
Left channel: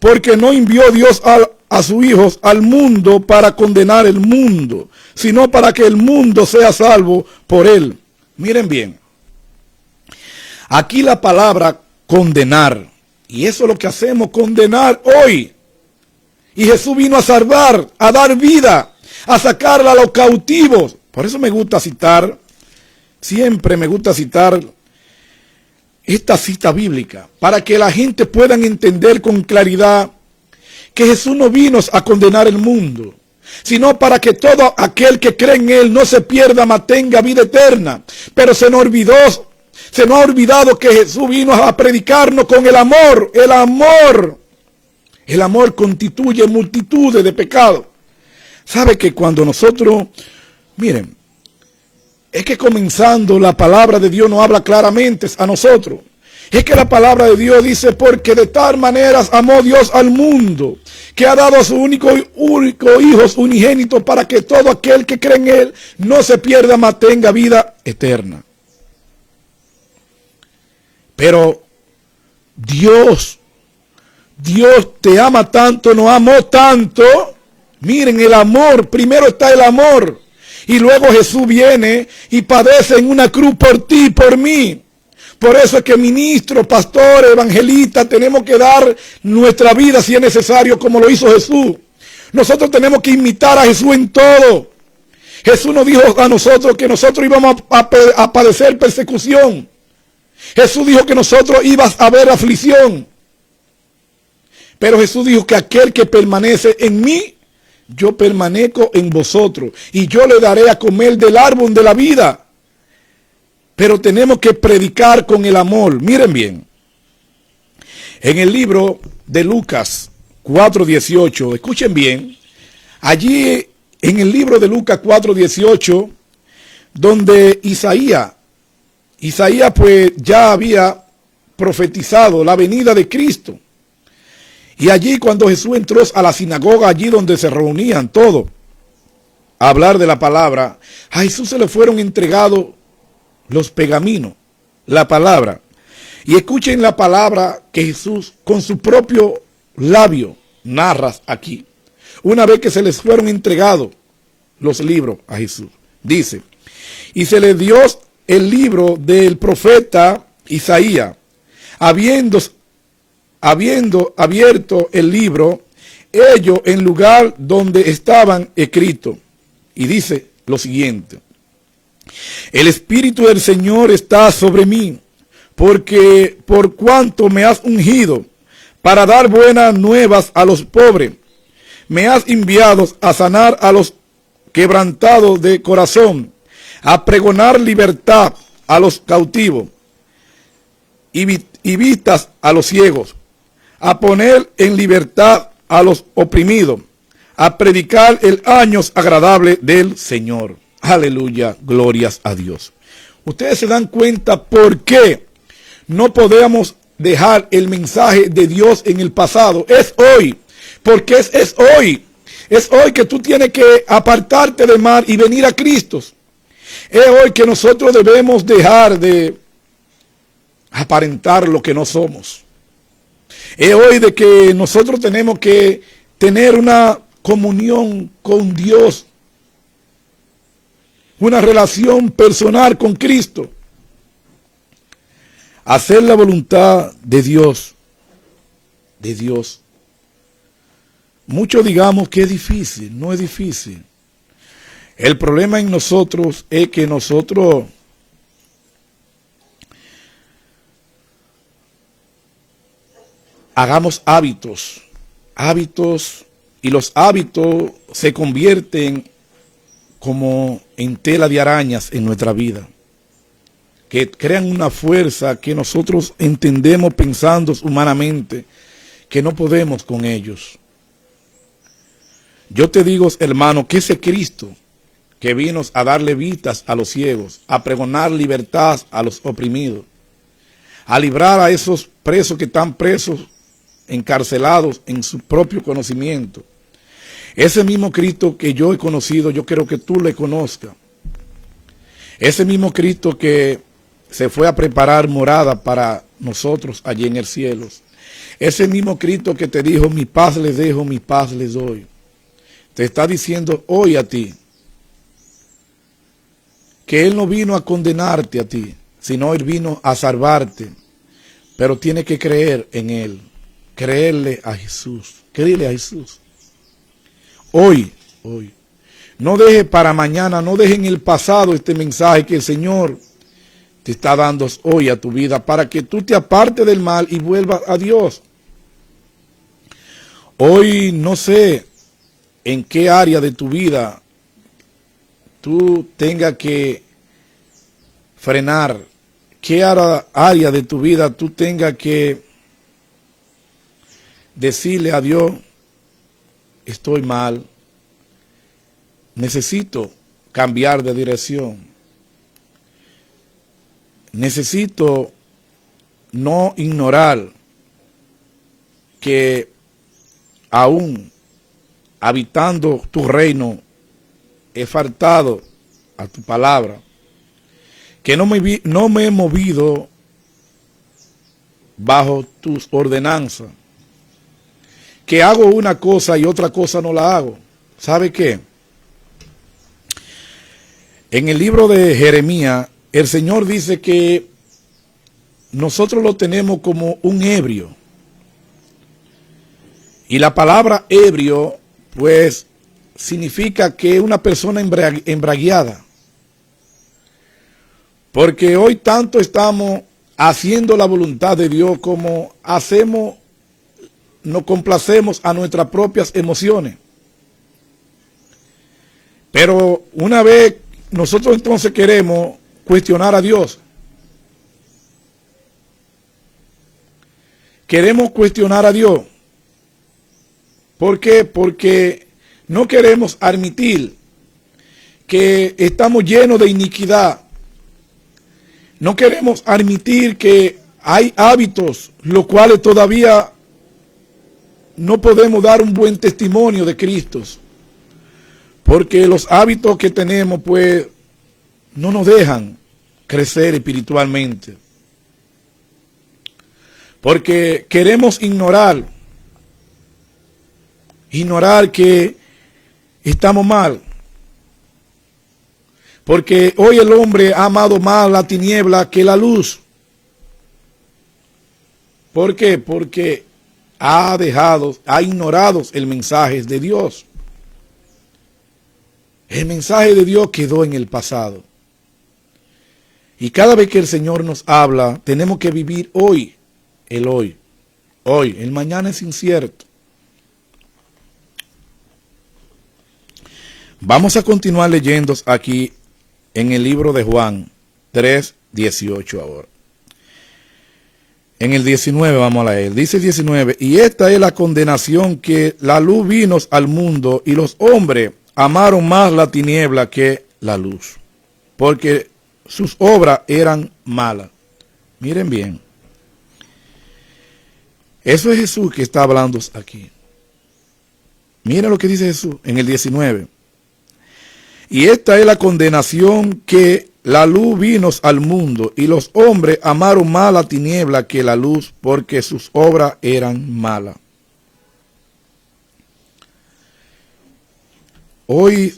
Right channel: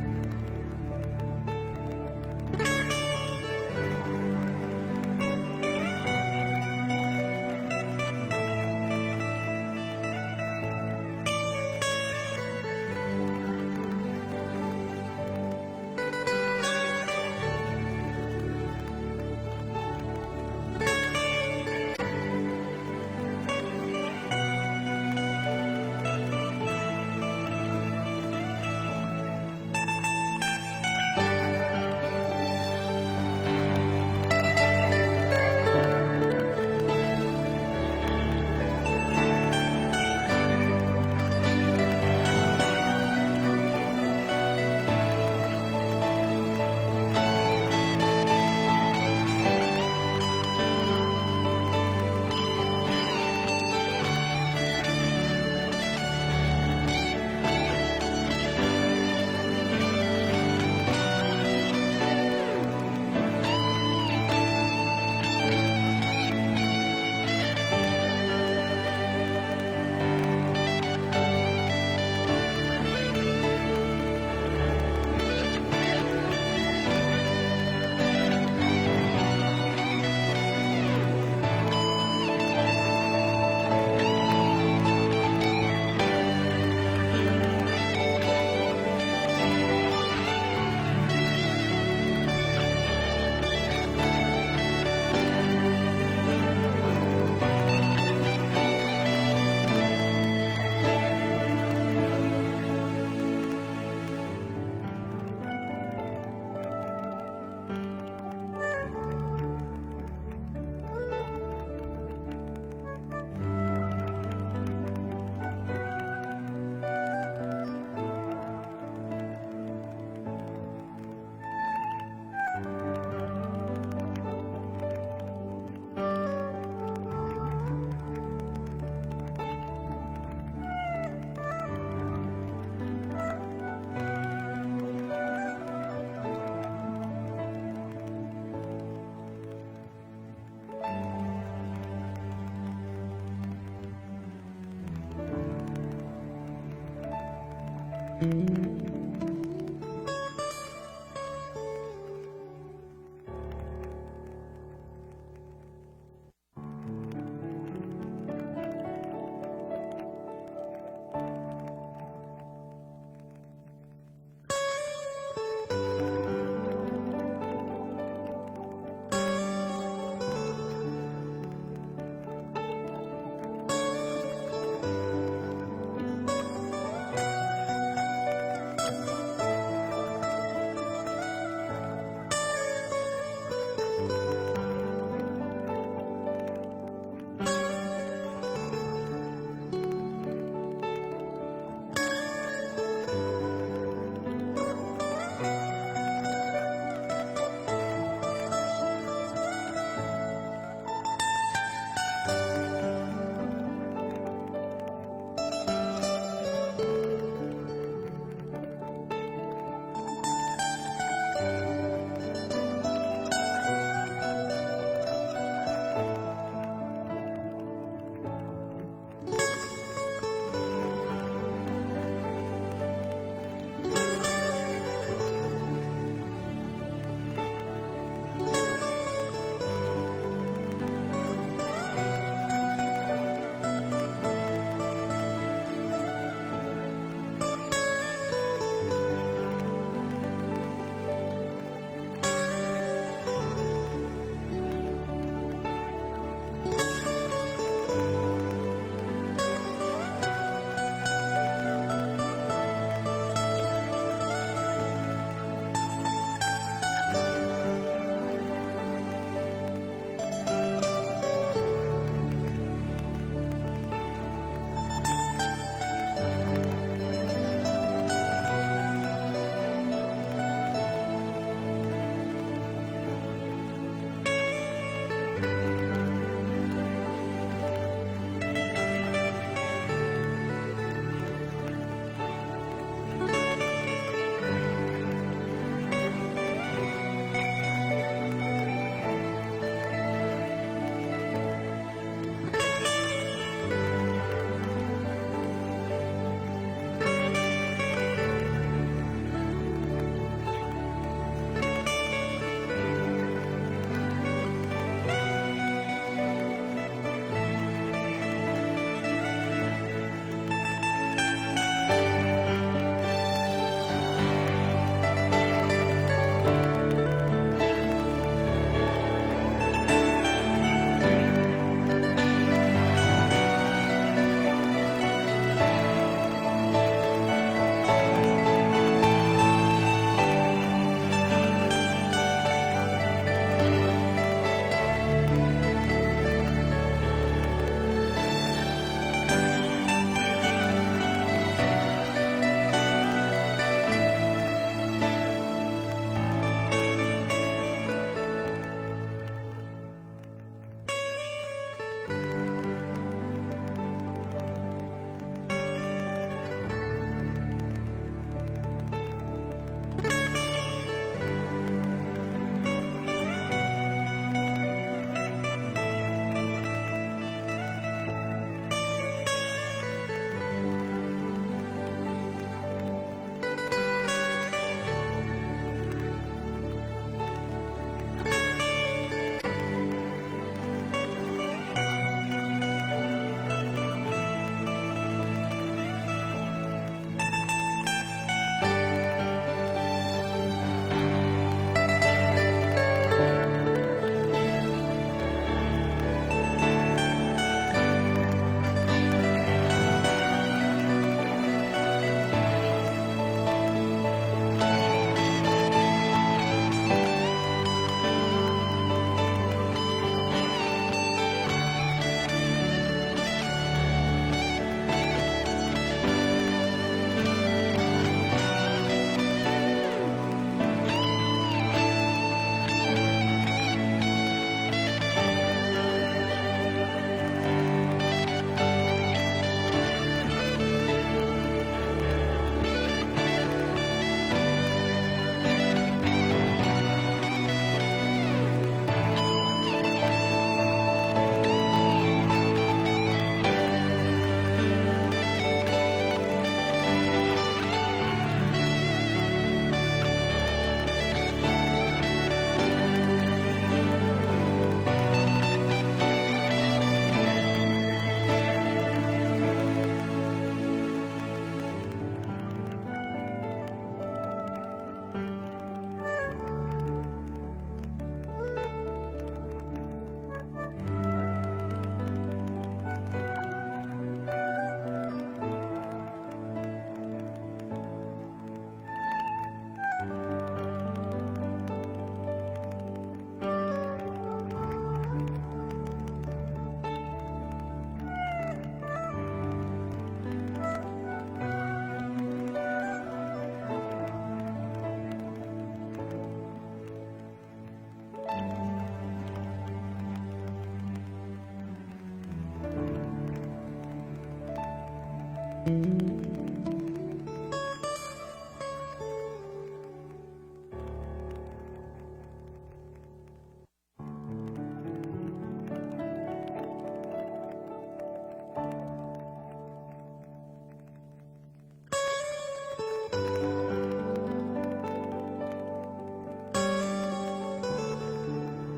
Porque no envió Dios a su Hijo al mundo para condenar el mundo, sino para que el mundo sea salvo por Él. Miren bien, aquí la palabra condenar, y eso es lo que hacemos, condenar hoy. Y Jesús vino a salvar, a dar vida, a sacarla a los cautivos. Por eso me gusta citar, siempre me gusta citar esta cita bíblica, para que la gente pueda entender con claridad que Jesús no vino a condenar el mundo, sino para que todo aquel que cree en Él no se pierda, mas tenga vida eterna. Pero se nos ha olvidado que Jesús vino a predicarnos con el amor. El amor. El amor constituye multitudes de pecados. ¿Sabe que cuando nosotros, miren, es que comenzando la palabra de Dios nos habla claramente a nosotros? Es que la palabra de Dios dice: porque de tal manera amó Dios al mundo, que ha dado a su único Hijo unigénito, para que todo aquel que cree en Él no se pierda, mas tenga vida eterna. Pero Dios te ama tanto, nos amó tanto. Miren, el amor, primero está el amor, y luego Jesús viene y padece en una cruz por ti y por mí. Por eso es que ministro, pastor, evangelista, tenemos que dar nuestra vida si es necesario, como lo hizo Jesús. Nosotros tenemos que imitar a Jesús en todo. Jesús nos dijo a nosotros que nosotros íbamos a padecer persecución. Jesús dijo que nosotros íbamos a ver aflicción. Pero Jesús dijo que aquel que permanece en mí, yo permanezco en vosotros, y yo le daré a comer del árbol de la vida. pero tenemos que predicar con el amor. Miren bien, en el libro de Lucas 4:18, escuchen bien, allí en el libro de Lucas 4:18, donde Isaías pues ya había profetizado la venida de Cristo. Y allí cuando Jesús entró a la sinagoga, allí donde se reunían todos a hablar de la palabra, a Jesús se le fueron entregados los pergaminos, la palabra. Y escuchen la palabra que Jesús con su propio labio narra aquí. Una vez que se les fueron entregados los libros a Jesús, dice: y se le dio el libro del profeta Isaías. Habiendo abierto el libro, ellos en lugar donde estaban escritos. Y dice lo siguiente: el Espíritu del Señor está sobre mí, porque por cuanto me has ungido para dar buenas nuevas a los pobres, me has enviado a sanar a los quebrantados de corazón, a pregonar libertad a los cautivos y vistas a los ciegos, a poner en libertad a los oprimidos, a predicar el año agradable del Señor. Aleluya, glorias a Dios. Ustedes se dan cuenta por qué no podemos dejar el mensaje de Dios en el pasado. Es hoy, porque es hoy. Es hoy que tú tienes que apartarte del mal y venir a Cristo. Es hoy que nosotros debemos dejar de aparentar lo que no somos. Es hoy de que nosotros tenemos que tener una comunión con Dios, una relación personal con Cristo, hacer la voluntad de Dios, Muchos digamos que es difícil, no es difícil. El problema en nosotros es que nosotros hagamos hábitos, y los hábitos se convierten como en tela de arañas en nuestra vida, que crean una fuerza que nosotros entendemos pensando humanamente que no podemos con ellos. Yo te digo, hermano, que ese Cristo que vino a darle vistas a los ciegos, a pregonar libertad a los oprimidos, a librar a esos presos que están presos, encarcelados en su propio conocimiento. Ese mismo Cristo que yo he conocido, yo quiero que tú le conozcas. Ese mismo Cristo que se fue a preparar morada para nosotros allí en el cielo. Ese mismo Cristo que te dijo: mi paz les dejo, mi paz les doy. Te está diciendo hoy a ti que Él no vino a condenarte a ti, sino Él vino a salvarte. Pero tienes que creer en Él, creerle a Jesús, creerle a Jesús. Hoy, no deje para mañana, no deje en el pasado este mensaje que el Señor te está dando hoy a tu vida, para que tú te apartes del mal y vuelvas a Dios. Hoy no sé en qué área de tu vida tú tengas que frenar, qué área de tu vida tú tengas que decirle a Dios: estoy mal, necesito cambiar de dirección, necesito no ignorar que aún habitando tu reino he faltado a tu palabra, que no me he movido bajo tus ordenanzas, que hago una cosa y otra cosa no la hago. ¿Sabe qué? En el libro de Jeremías, el Señor dice que nosotros lo tenemos como un ebrio. Y la palabra ebrio, pues, significa que es una persona embriagada. Porque hoy tanto estamos haciendo la voluntad de Dios como nos complacemos a nuestras propias emociones. Pero una vez nosotros entonces queremos cuestionar a Dios, queremos cuestionar a Dios. ¿Por qué? Porque no queremos admitir que estamos llenos de iniquidad. No queremos admitir que hay hábitos los cuales todavía no podemos dar un buen testimonio de Cristo. Porque los hábitos que tenemos pues no nos dejan crecer espiritualmente. Porque queremos ignorar que estamos mal. Porque hoy el hombre ha amado más la tiniebla que la luz. ¿Por qué? Porque ha ignorado el mensaje de Dios. El mensaje de Dios quedó en el pasado. Y cada vez que el Señor nos habla, tenemos que vivir hoy. El hoy. Hoy. El mañana es incierto. Vamos a continuar leyendo aquí en el libro de Juan 3:18 ahora. En el 19 vamos a leer. Dice el 19: y esta es la condenación, que la luz vino al mundo y los hombres amaron más la tiniebla que la luz, porque sus obras eran malas. Miren bien. Eso es Jesús que está hablando aquí. Miren lo que dice Jesús en el 19. Y esta es la condenación, que la luz vino al mundo y los hombres amaron más la tiniebla que la luz, porque sus obras eran malas. Hoy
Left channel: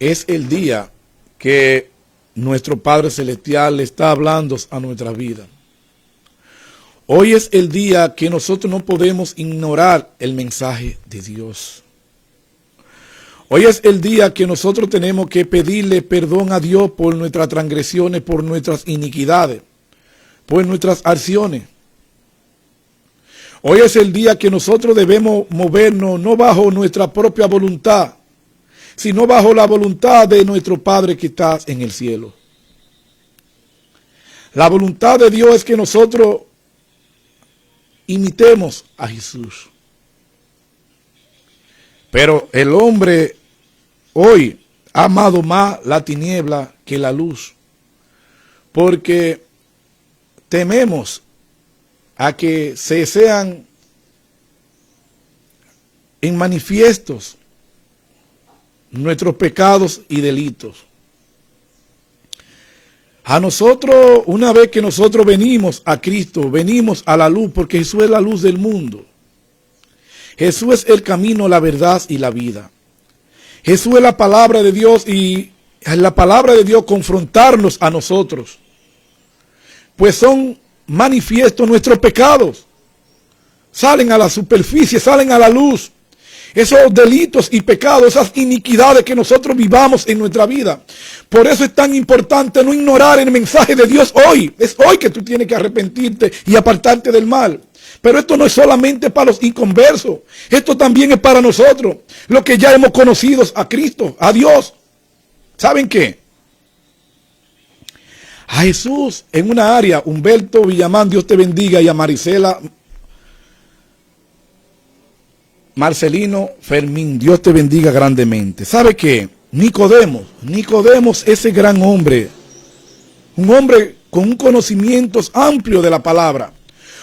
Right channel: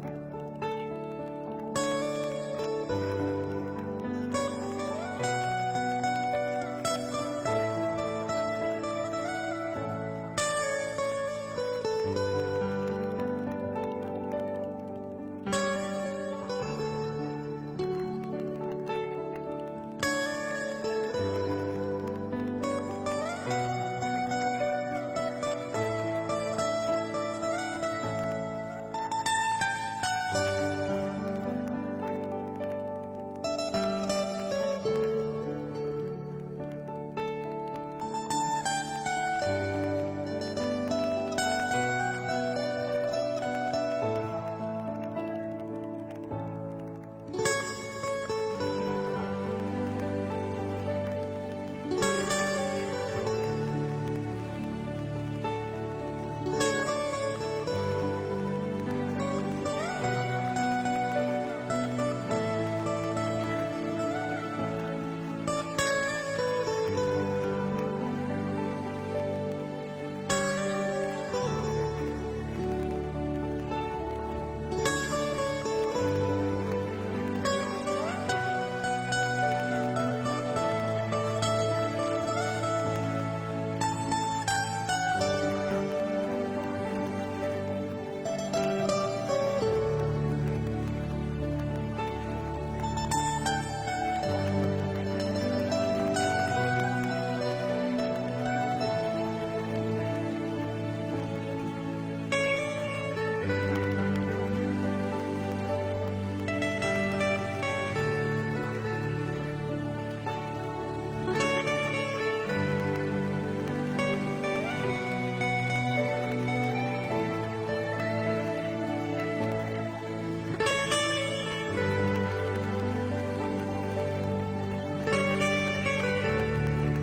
es el día que nuestro Padre Celestial le está hablando a nuestra vida. Hoy es el día que nosotros no podemos ignorar el mensaje de Dios. Hoy es el día que nosotros tenemos que pedirle perdón a Dios por nuestras transgresiones, por nuestras iniquidades, por nuestras acciones. Hoy es el día que nosotros debemos movernos no bajo nuestra propia voluntad, sino bajo la voluntad de nuestro Padre que está en el cielo. La voluntad de Dios es que nosotros imitemos a Jesús. Pero el hombre hoy ha amado más la tiniebla que la luz, porque tememos a que se sean en manifiestos nuestros pecados y delitos. A nosotros, una vez que nosotros venimos a Cristo, venimos a la luz, porque Jesús es la luz del mundo. Jesús es el camino, la verdad y la vida. Jesús es la palabra de Dios, y en la palabra de Dios confrontarnos a nosotros, pues son manifiestos nuestros pecados. Salen a la superficie, salen a la luz. Esos delitos y pecados, esas iniquidades que nosotros vivamos en nuestra vida. Por eso es tan importante no ignorar el mensaje de Dios hoy. Es hoy que tú tienes que arrepentirte y apartarte del mal. Pero esto no es solamente para los inconversos. Esto también es para nosotros, los que ya hemos conocido a Cristo, a Dios. ¿Saben qué? A Jesús en una área, Humberto Villamán, Dios te bendiga, y a Marisela Marcelino Fermín, Dios te bendiga grandemente. ¿Sabe qué? Nicodemo, ese gran hombre, un hombre con un conocimiento amplio de la palabra,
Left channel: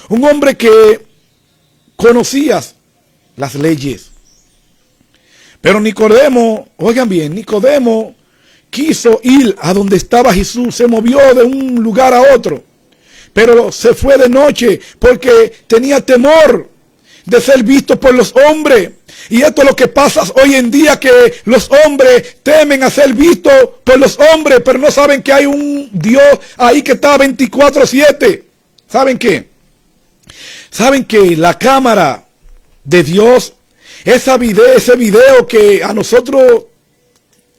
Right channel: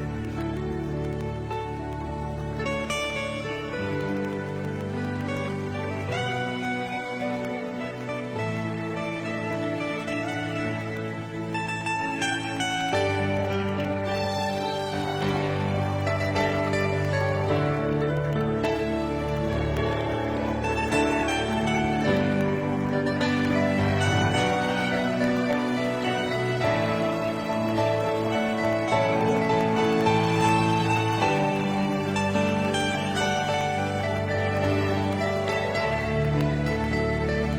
un hombre que conocía las leyes. Pero Nicodemo, oigan bien, Nicodemo quiso ir a donde estaba Jesús, se movió de un lugar a otro, pero se fue de noche porque tenía temor de ser visto por los hombres. Y esto es lo que pasa hoy en día, que los hombres temen a ser vistos por los hombres, pero no saben que hay un Dios ahí que está 24/7. ¿Saben qué? ¿Saben que la cámara de Dios, ese video que a nosotros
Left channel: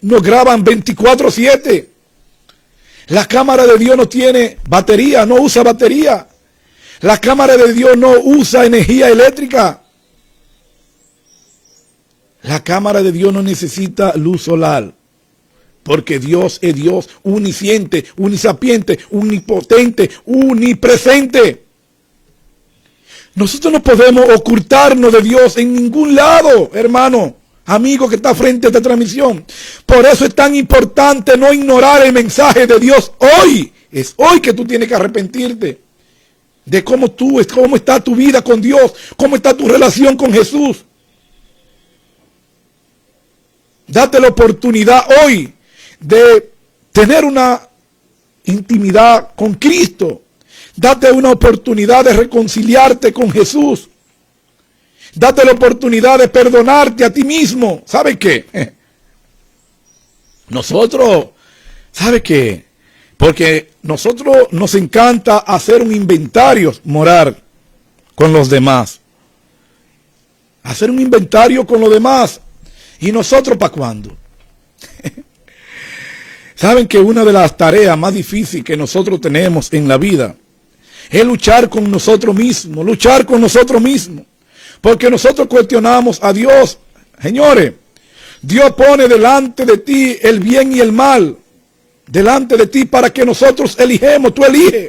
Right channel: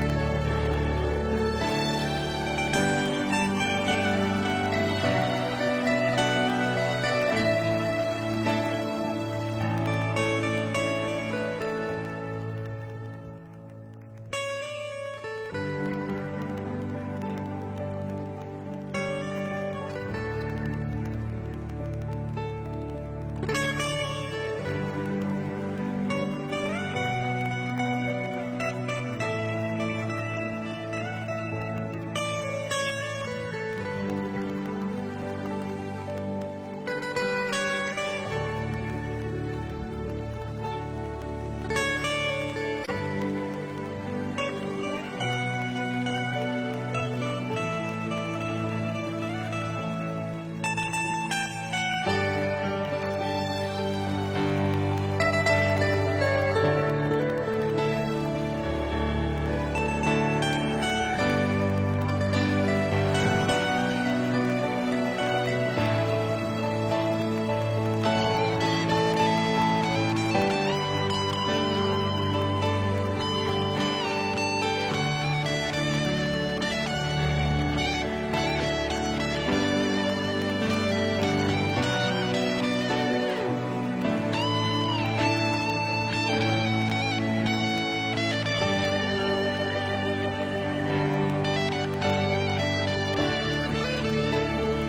nos graban 24/7, la cámara de Dios no tiene batería, no usa batería? La cámara de Dios no usa energía eléctrica. La cámara de Dios no necesita luz solar, porque Dios es Dios unisciente, unisapiente, unipotente, unipresente. Nosotros no podemos ocultarnos de Dios en ningún lado, hermano, amigo que está frente a esta transmisión. Por eso es tan importante no ignorar el mensaje de Dios hoy. Es hoy que tú tienes que arrepentirte de cómo está tu vida con Dios, cómo está tu relación con Jesús. Date la oportunidad hoy de tener una intimidad con Cristo. Date una oportunidad de reconciliarte con Jesús. Date la oportunidad de perdonarte a ti mismo. ¿Sabe qué? Nosotros, ¿sabe qué? Porque nosotros nos encanta hacer un inventario moral con los demás. Hacer un inventario con los demás. ¿Y nosotros para cuándo? Saben que una de las tareas más difíciles que nosotros tenemos en la vida es luchar con nosotros mismos, porque nosotros cuestionamos a Dios. Señores, Dios pone delante de ti el bien y el mal, delante de ti para que nosotros elijamos, tú eliges.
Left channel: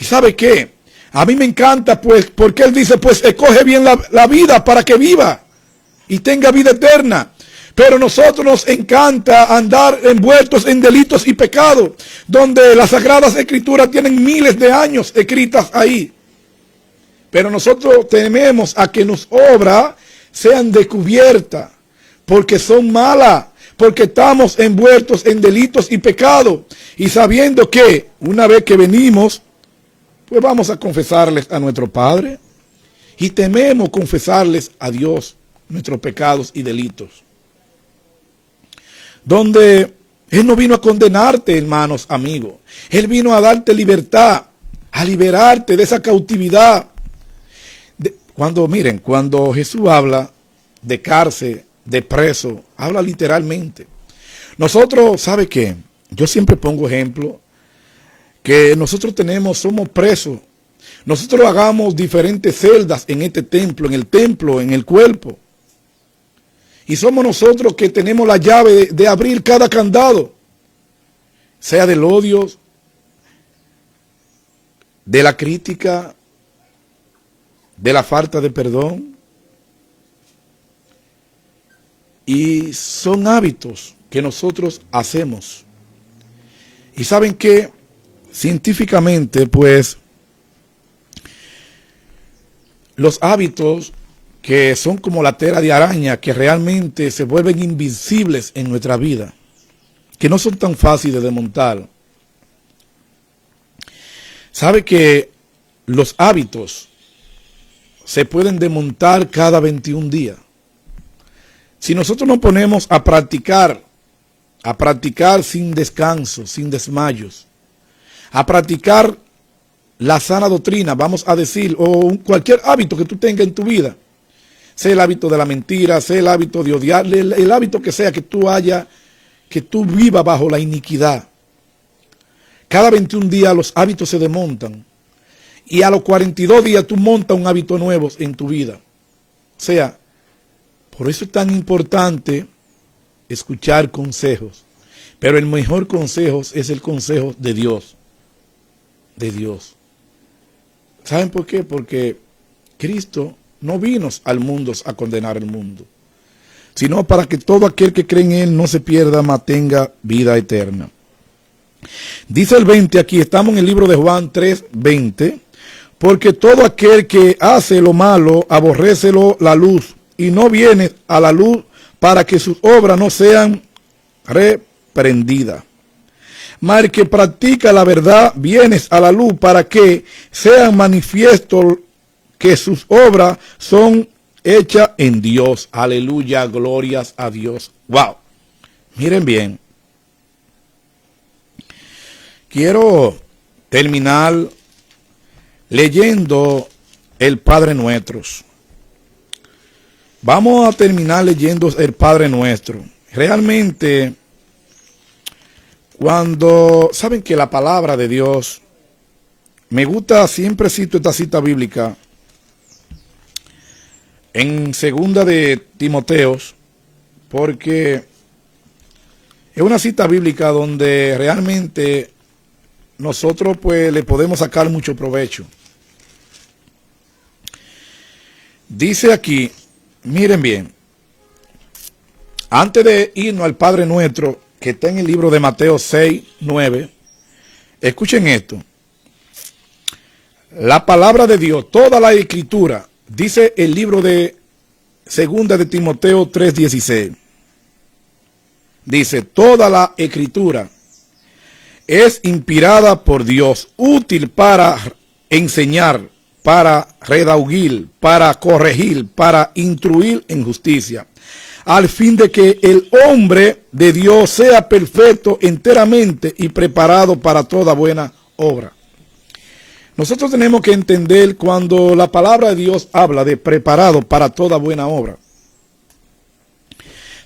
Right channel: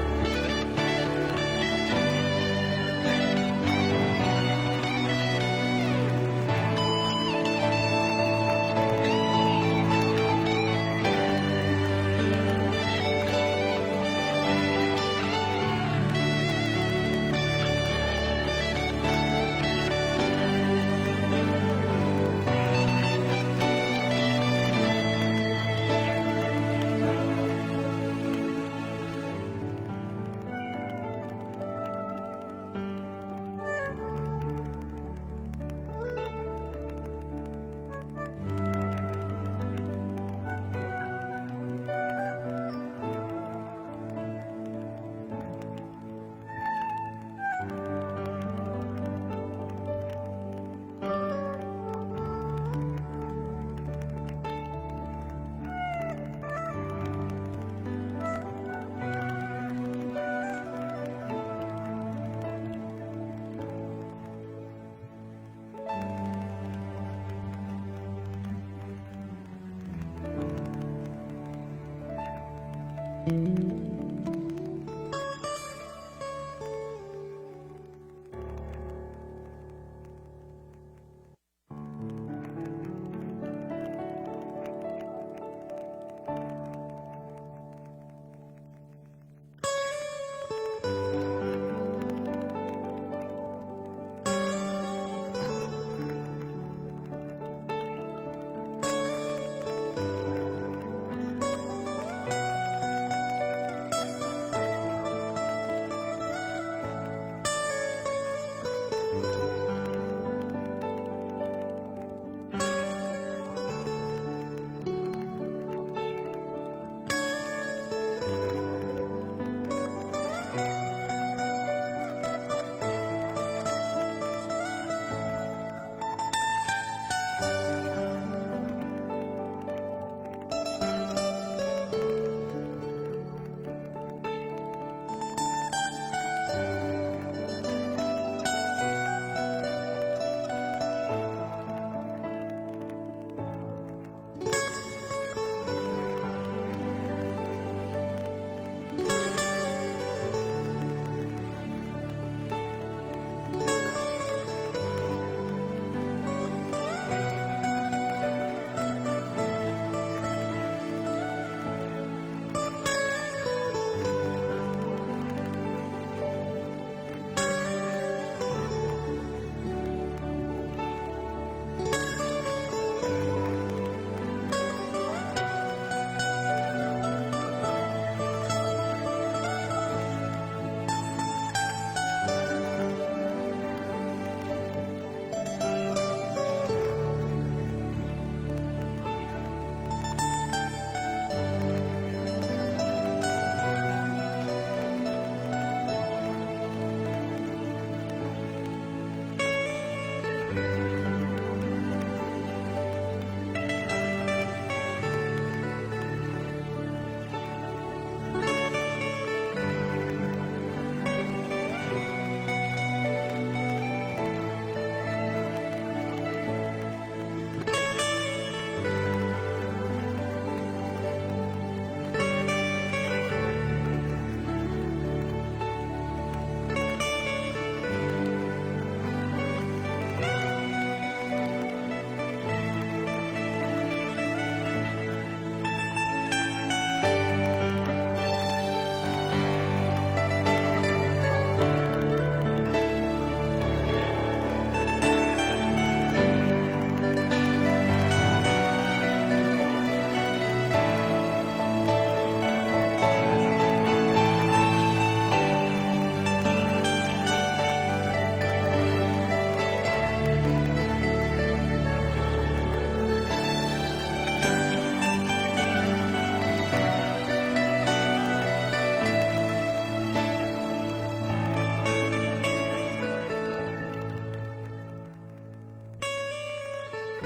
¿Y sabe qué? A mí me encanta pues, porque Él dice, pues escoge bien la vida para que viva y tenga vida eterna. Pero nosotros nos encanta andar envueltos en delitos y pecados, donde las Sagradas Escrituras tienen miles de años escritas ahí. Pero nosotros tememos a que las obras sean descubiertas, porque son malas, porque estamos envueltos en delitos y pecados, y sabiendo que una vez que venimos, pues vamos a confesarles a nuestro Padre, y tememos confesarles a Dios nuestros pecados y delitos. Donde Él no vino a condenarte, hermanos, amigos. Él vino a darte libertad, a liberarte de esa cautividad. Cuando Jesús habla de cárcel, de preso, habla literalmente. Nosotros, ¿sabe qué? Yo siempre pongo ejemplo, que nosotros somos presos. Nosotros hagamos diferentes celdas en este templo, en el cuerpo. Y somos nosotros que tenemos la llave de abrir cada candado, sea del odio, de la crítica, de la falta de perdón. Y son hábitos que nosotros hacemos. Y saben que científicamente, pues, los hábitos que son como la tela de araña, que realmente se vuelven invisibles en nuestra vida, que no son tan fáciles de montar. Sabe que los hábitos se pueden desmontar cada 21 días. Si nosotros nos ponemos a practicar sin descanso, sin desmayos, a practicar la sana doctrina, vamos a decir, o cualquier hábito que tú tengas en tu vida, sea el hábito de la mentira, sea el hábito de odiar, el hábito que sea que tú vivas bajo la iniquidad. Cada 21 días los hábitos se desmontan. Y a los 42 días tú montas un hábito nuevo en tu vida. O sea, por eso es tan importante escuchar consejos. Pero el mejor consejo es el consejo de Dios. De Dios. ¿Saben por qué? Porque Cristo no vino al mundo a condenar al mundo, sino para que todo aquel que cree en Él no se pierda, mas tenga vida eterna. Dice el 20 aquí, estamos en el libro de Juan 3:20, porque todo aquel que hace lo malo, aborrécelo la luz, y no viene a la luz para que sus obras no sean reprendidas. Mas el que practica la verdad, vienes a la luz para que sean manifiestos que sus obras son hechas en Dios. Aleluya, glorias a Dios. Wow. Miren bien. Quiero terminar leyendo el Padre Nuestro. Vamos a terminar leyendo el Padre Nuestro. Realmente, cuando saben que la palabra de Dios, me gusta, siempre cito esta cita bíblica en segunda de Timoteos, porque es una cita bíblica donde realmente nosotros pues le podemos sacar mucho provecho. Dice aquí, miren bien, antes de irnos al Padre Nuestro, que está en el libro de Mateo 6, 9, escuchen esto. La palabra de Dios, toda la escritura, dice el libro de Segunda de Timoteo 3:16. Dice, toda la escritura es inspirada por Dios, útil para enseñar, para redarguir, para corregir, para instruir en justicia, al fin de que el hombre de Dios sea perfecto enteramente y preparado para toda buena obra. Nosotros tenemos que entender cuando la palabra de Dios habla de preparado para toda buena obra.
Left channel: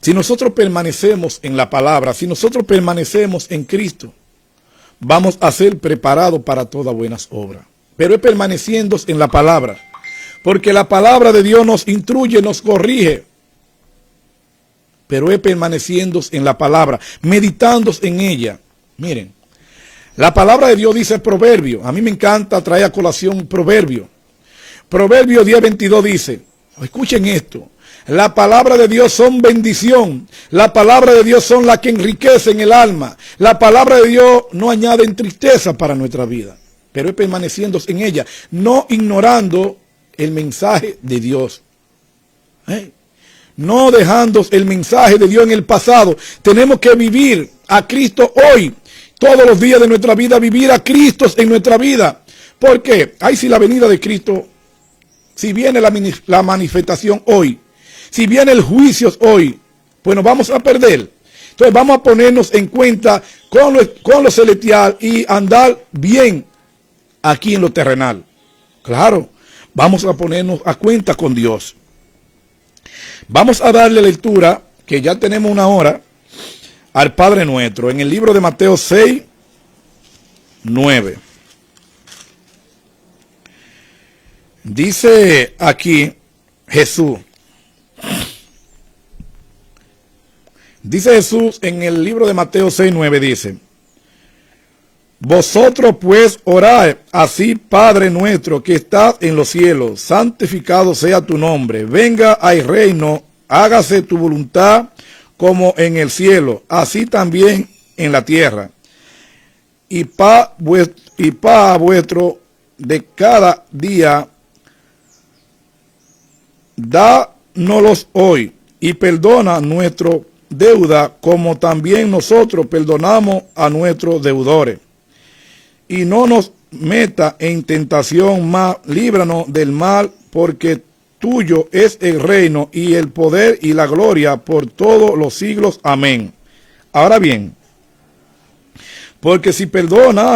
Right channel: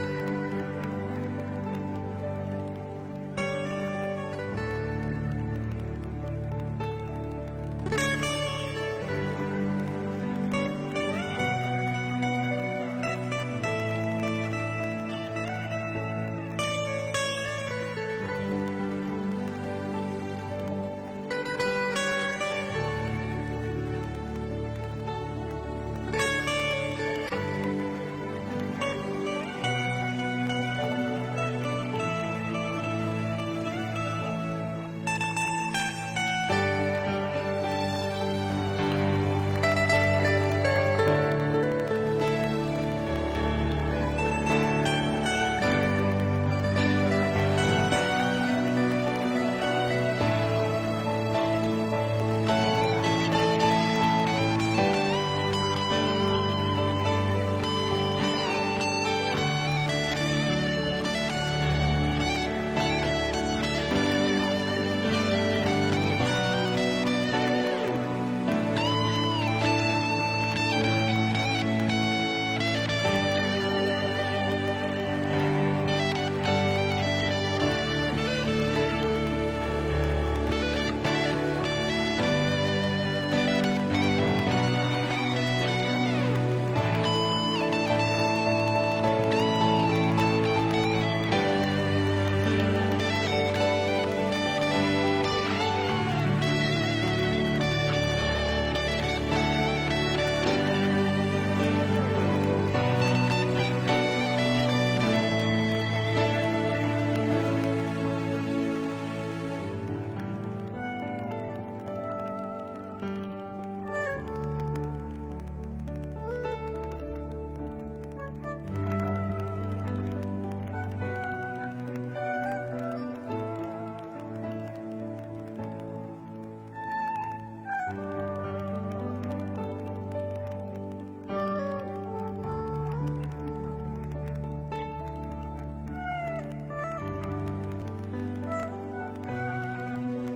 Si nosotros permanecemos en la palabra, si nosotros permanecemos en Cristo, vamos a ser preparados para todas buenas obras. Pero es permaneciendo en la palabra, porque la palabra de Dios nos instruye, nos corrige. Pero es permaneciendo en la palabra, meditando en ella. Miren, la palabra de Dios dice proverbio. A mí me encanta traer a colación proverbio. Proverbio 10:22 dice, escuchen esto, la palabra de Dios son bendición. La palabra de Dios son las que enriquecen el alma. La palabra de Dios no añade tristeza para nuestra vida, pero es permaneciendo en ella, no ignorando el mensaje de Dios. No dejando el mensaje de Dios en el pasado. Tenemos que vivir a Cristo hoy. Todos los días de nuestra vida, vivir a Cristo en nuestra vida. ¿Por qué? Ay, si la venida de Cristo, si viene la manifestación hoy, si viene el juicio hoy, pues nos vamos a perder. Entonces vamos a ponernos en cuenta con lo celestial y andar bien aquí en lo terrenal. Claro, vamos a ponernos a cuenta con Dios. Vamos a darle lectura, que ya tenemos una hora, al Padre Nuestro, en el libro de Mateo 6, 9. Dice aquí Jesús. Dice Jesús en el libro de Mateo 6, 9, dice: vosotros pues orad así, Padre nuestro que estás en los cielos, santificado sea tu nombre, venga al reino, hágase tu voluntad como en el cielo, así también en la tierra. Y pan vuestro de cada día, dánoslos hoy, y perdona nuestra deuda, como también nosotros perdonamos a nuestros deudores. Y no nos meta en tentación, mas líbranos del mal, porque tuyo es el reino y el poder y la gloria por todos los siglos. Amén. Ahora bien, porque si perdona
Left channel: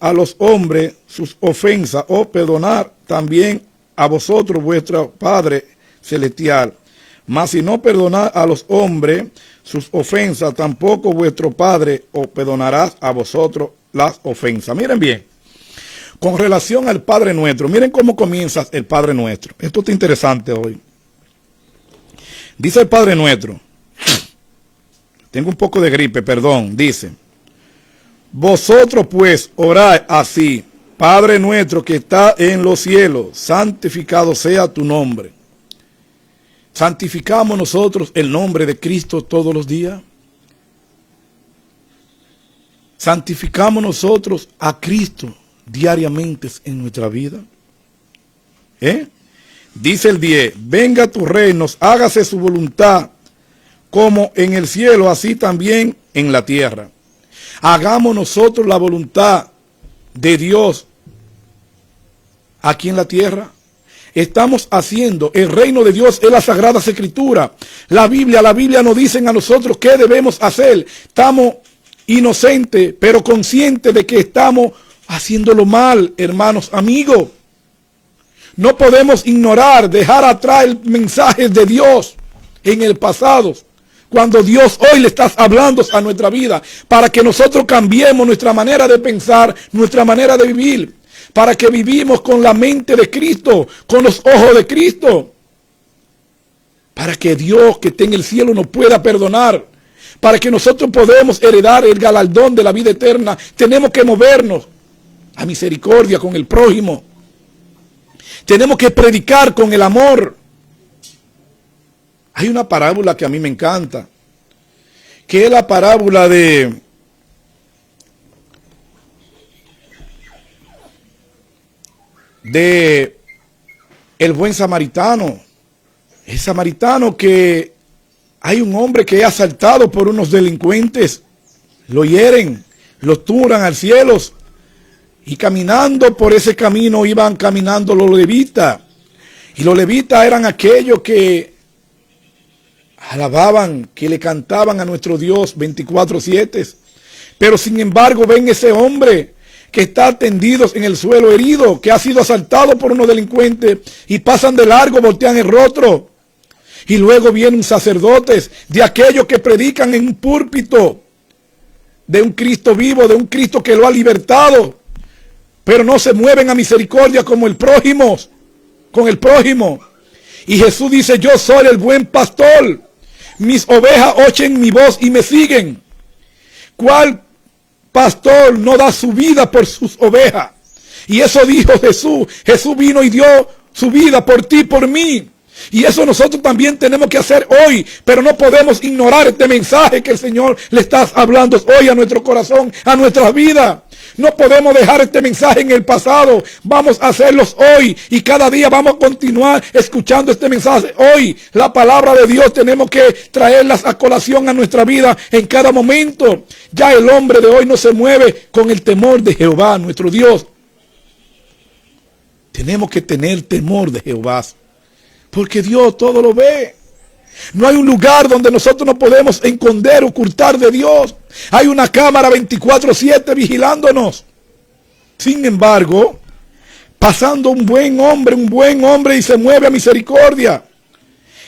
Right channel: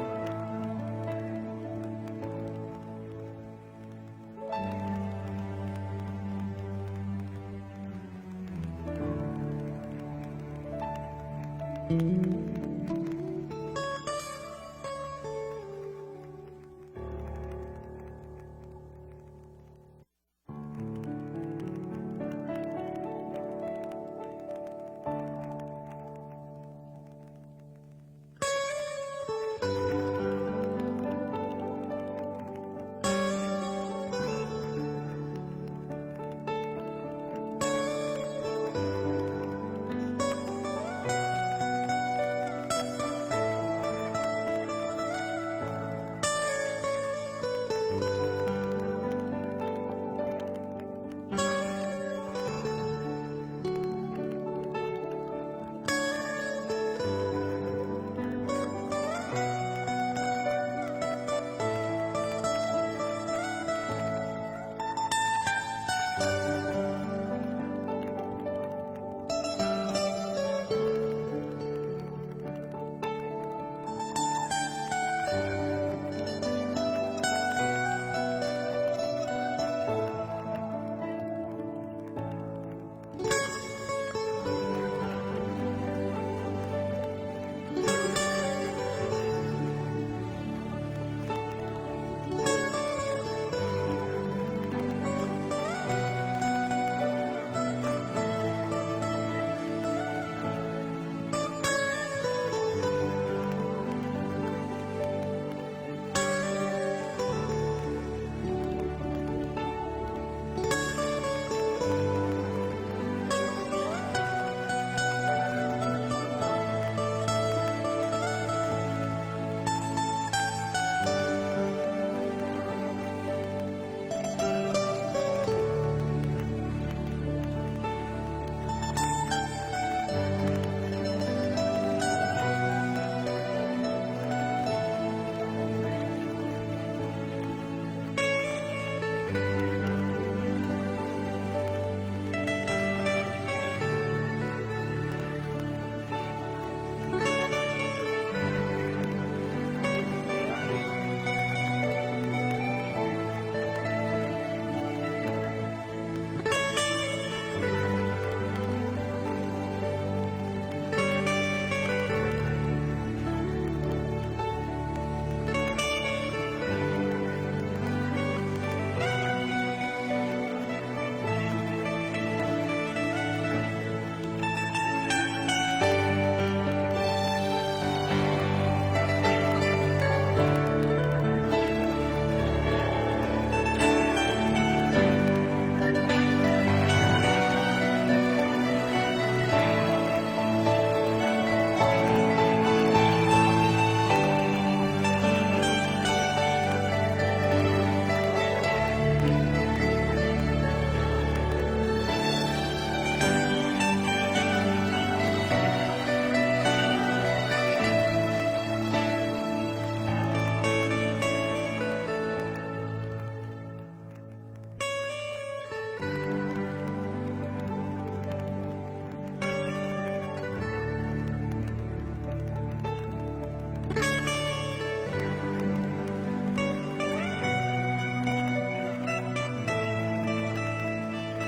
a los hombres sus ofensas, os perdonar también a vosotros vuestro Padre celestial. Mas si no perdonad a los hombres sus ofensas, tampoco vuestro Padre os perdonará a vosotros las ofensas. Miren bien, con relación al Padre Nuestro, miren cómo comienza el Padre Nuestro. Esto está interesante hoy. Dice el Padre Nuestro, tengo un poco de gripe, perdón, dice: vosotros pues orad así, Padre nuestro que está en los cielos, santificado sea tu nombre. ¿Santificamos nosotros el nombre de Cristo todos los días? ¿Santificamos nosotros a Cristo diariamente en nuestra vida? Dice el 10, venga tu reino, hágase su voluntad, como en el cielo, así también en la tierra. Hagamos nosotros la voluntad de Dios aquí en la tierra. Estamos haciendo el reino de Dios en las Sagradas Escrituras. La Biblia nos dicen a nosotros qué debemos hacer. Estamos inocentes, pero conscientes de que estamos haciéndolo mal, hermanos, amigos. No podemos ignorar, dejar atrás el mensaje de Dios en el pasado, cuando Dios hoy le está hablando a nuestra vida, para que nosotros cambiemos nuestra manera de pensar, nuestra manera de vivir, para que vivimos con la mente de Cristo, con los ojos de Cristo, para que Dios que está en el cielo nos pueda perdonar, para que nosotros podamos heredar el galardón de la vida eterna. Tenemos que movernos a misericordia con el prójimo. tenemos que predicar con el amor. Hay una parábola que a mí me encanta, que es la parábola de el buen samaritano. El samaritano, que hay un hombre que es asaltado por unos delincuentes, lo hieren, lo turan al cielo, y caminando por ese camino iban caminando los levitas, y los levitas eran aquellos que alababan, que le cantaban a nuestro Dios 24/7, pero sin embargo ven ese hombre que está tendido en el suelo herido, que ha sido asaltado por unos delincuentes, y pasan de largo, voltean el rostro. Y luego vienen sacerdotes, de aquellos que predican en un púlpito de un Cristo vivo, de un Cristo que lo ha libertado, pero no se mueven a misericordia como el prójimo, con el prójimo. Y Jesús dice: yo soy el buen pastor, mis ovejas oyen mi voz y me siguen. ¿Cuál pastor no da su vida por sus ovejas? Y eso dijo Jesús. Jesús vino y dio su vida por ti, por mí. Y eso nosotros también tenemos que hacer hoy, pero no podemos ignorar este mensaje que el Señor le está hablando hoy a nuestro corazón, a nuestras vidas. No podemos dejar este mensaje en el pasado. Vamos a hacerlos hoy, y cada día vamos a continuar escuchando este mensaje. Hoy la palabra de Dios tenemos que traerlas a colación a nuestra vida en cada momento. Ya el hombre de hoy no se mueve con el temor de Jehová, nuestro Dios. Tenemos que tener temor de Jehová, porque Dios todo lo ve. No hay un lugar donde nosotros no podemos esconder, ocultar de Dios. Hay una cámara 24/7 vigilándonos. Sin embargo, pasando un buen hombre y se mueve a misericordia,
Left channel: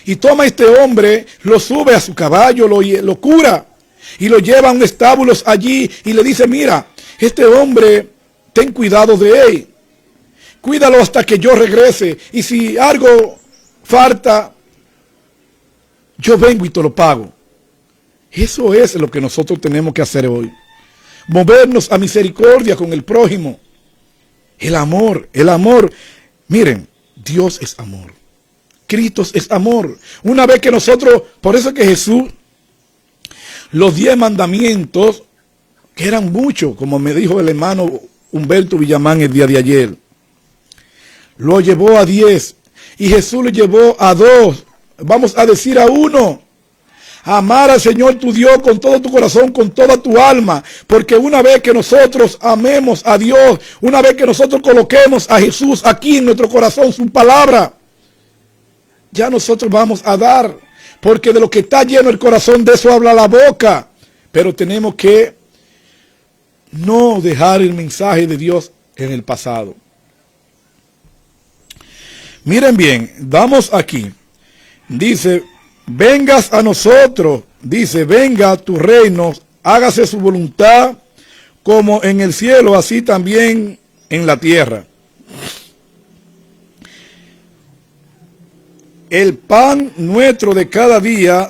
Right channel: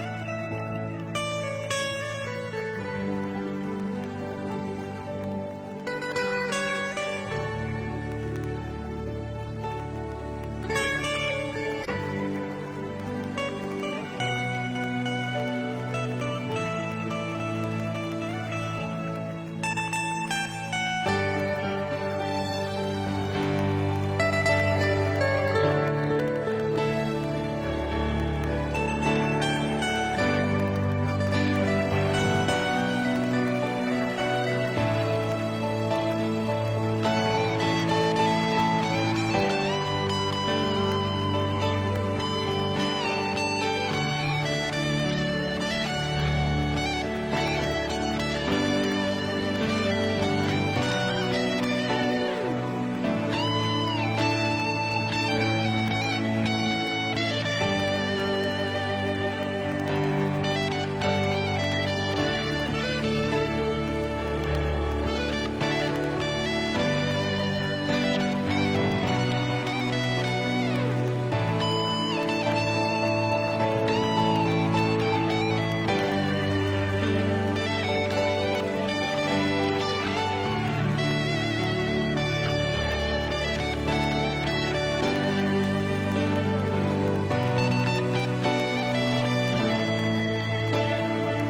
y toma a este hombre, lo sube a su caballo, lo cura y lo lleva a un establo allí, y le dice: mira, este hombre, ten cuidado de él, cuídalo hasta que yo regrese, y si algo falta, yo vengo y te lo pago. Eso es lo que nosotros tenemos que hacer hoy. Movernos a misericordia con el prójimo. El amor. Miren, Dios es amor. Cristo es amor. Una vez que nosotros, por eso que Jesús, los 10 mandamientos, que eran muchos, como me dijo el hermano Humberto Villamán el día de ayer, lo llevó a 10, y Jesús lo llevó a 2. Vamos a decir a 1. Amar al Señor tu Dios con todo tu corazón, con toda tu alma. Porque una vez que nosotros amemos a Dios, una vez que nosotros coloquemos a Jesús aquí en nuestro corazón, su palabra, ya nosotros vamos a dar. Porque de lo que está lleno el corazón, de eso habla la boca. Pero tenemos que no dejar el mensaje de Dios en el pasado. Miren bien, vamos aquí. Dice: vengas a nosotros, dice, venga a tu reino, hágase su voluntad como en el cielo, así también en la tierra. El pan nuestro de cada día,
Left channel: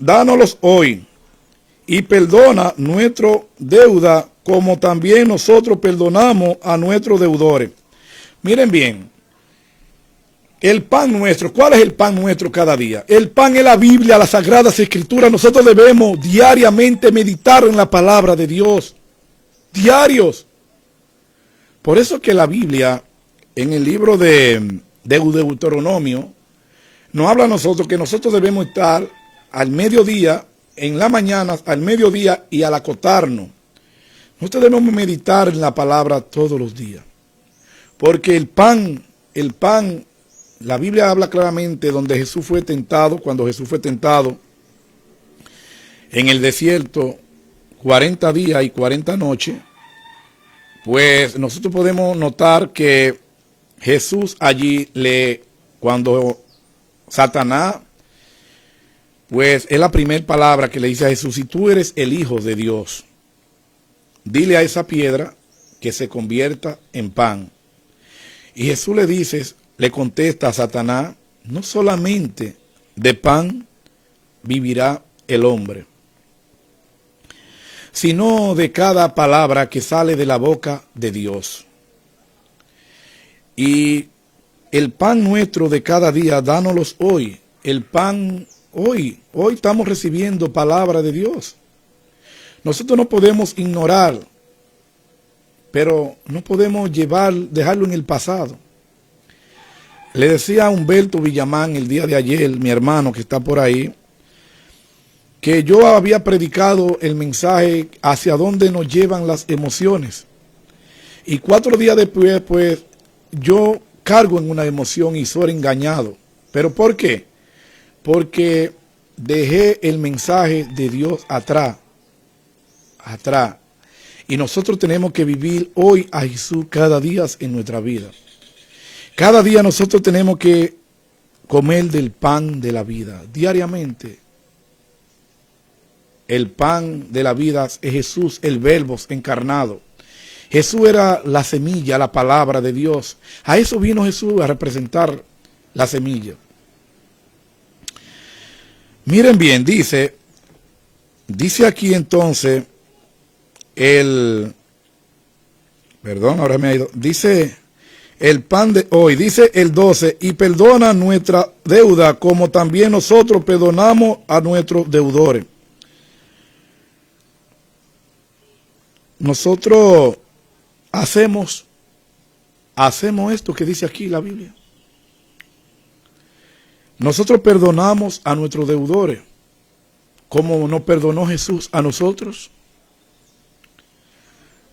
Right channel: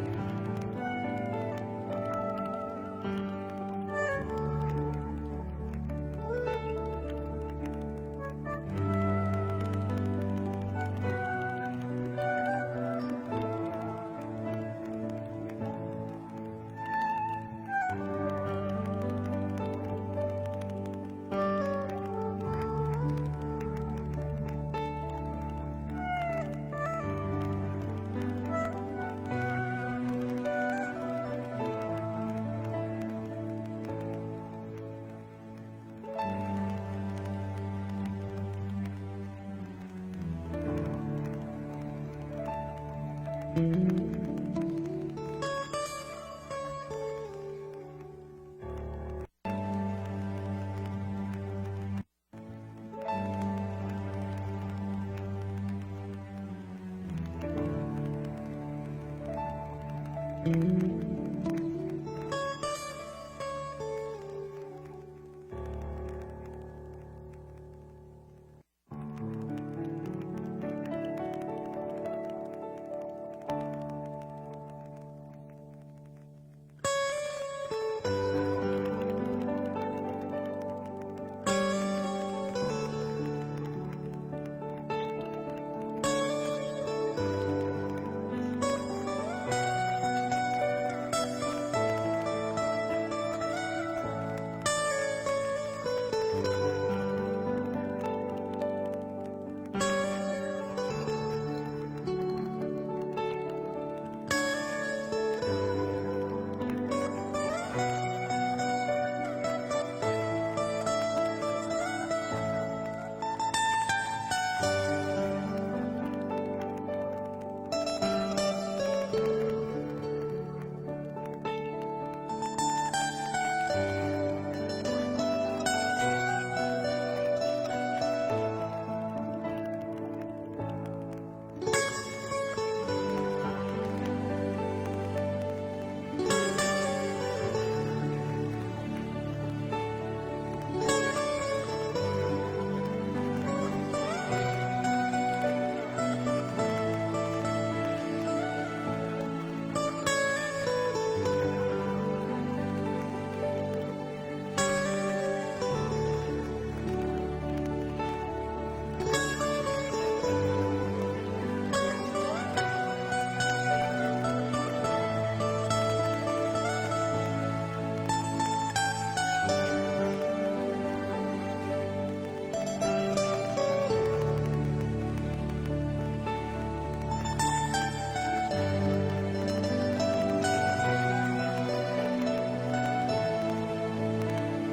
dánoslos hoy, y perdona nuestra deuda como también nosotros perdonamos a nuestros deudores. Miren bien, el pan nuestro, ¿cuál es el pan nuestro cada día? El pan es la Biblia, las Sagradas Escrituras. Nosotros debemos diariamente meditar en la palabra de Dios. Diarios. Por eso que la Biblia, en el libro de Deuteronomio, nos habla a nosotros que nosotros debemos estar al mediodía, en la mañana, al mediodía y al acostarnos. Nosotros debemos meditar en la palabra todos los días. Porque el pan, la Biblia habla claramente donde Jesús fue tentado, cuando Jesús fue tentado en el desierto 40 días y 40 noches, pues nosotros podemos notar que Jesús allí cuando Satanás, pues es la primera palabra que le dice a Jesús: si tú eres el Hijo de Dios, dile a esa piedra que se convierta en pan. Y Jesús le contesta a Satanás: no solamente de pan vivirá el hombre, sino de cada palabra que sale de la boca de Dios. Y el pan nuestro de cada día, dánoslos hoy. El pan hoy estamos recibiendo palabra de Dios. Nosotros no podemos ignorar, pero no podemos dejarlo en el pasado. Le decía a Humberto Villamán el día de ayer, mi hermano que está por ahí, que yo había predicado el mensaje hacia dónde nos llevan las emociones. Y 4 días después, pues, yo cargo en una emoción y soy engañado. ¿Pero por qué? Porque dejé el mensaje de Dios atrás. Y nosotros tenemos que vivir hoy a Jesús cada día en nuestra vida. Cada día nosotros tenemos que comer del pan de la vida, diariamente. El pan de la vida es Jesús, el Verbo encarnado. Jesús era la semilla, la palabra de Dios. A eso vino Jesús, a representar la semilla. Miren bien, dice aquí entonces, dice el pan de hoy, dice el 12, y perdona nuestra deuda como también nosotros perdonamos a nuestros deudores. Nosotros hacemos esto que dice aquí la Biblia. Nosotros perdonamos a nuestros deudores, como nos perdonó Jesús a nosotros.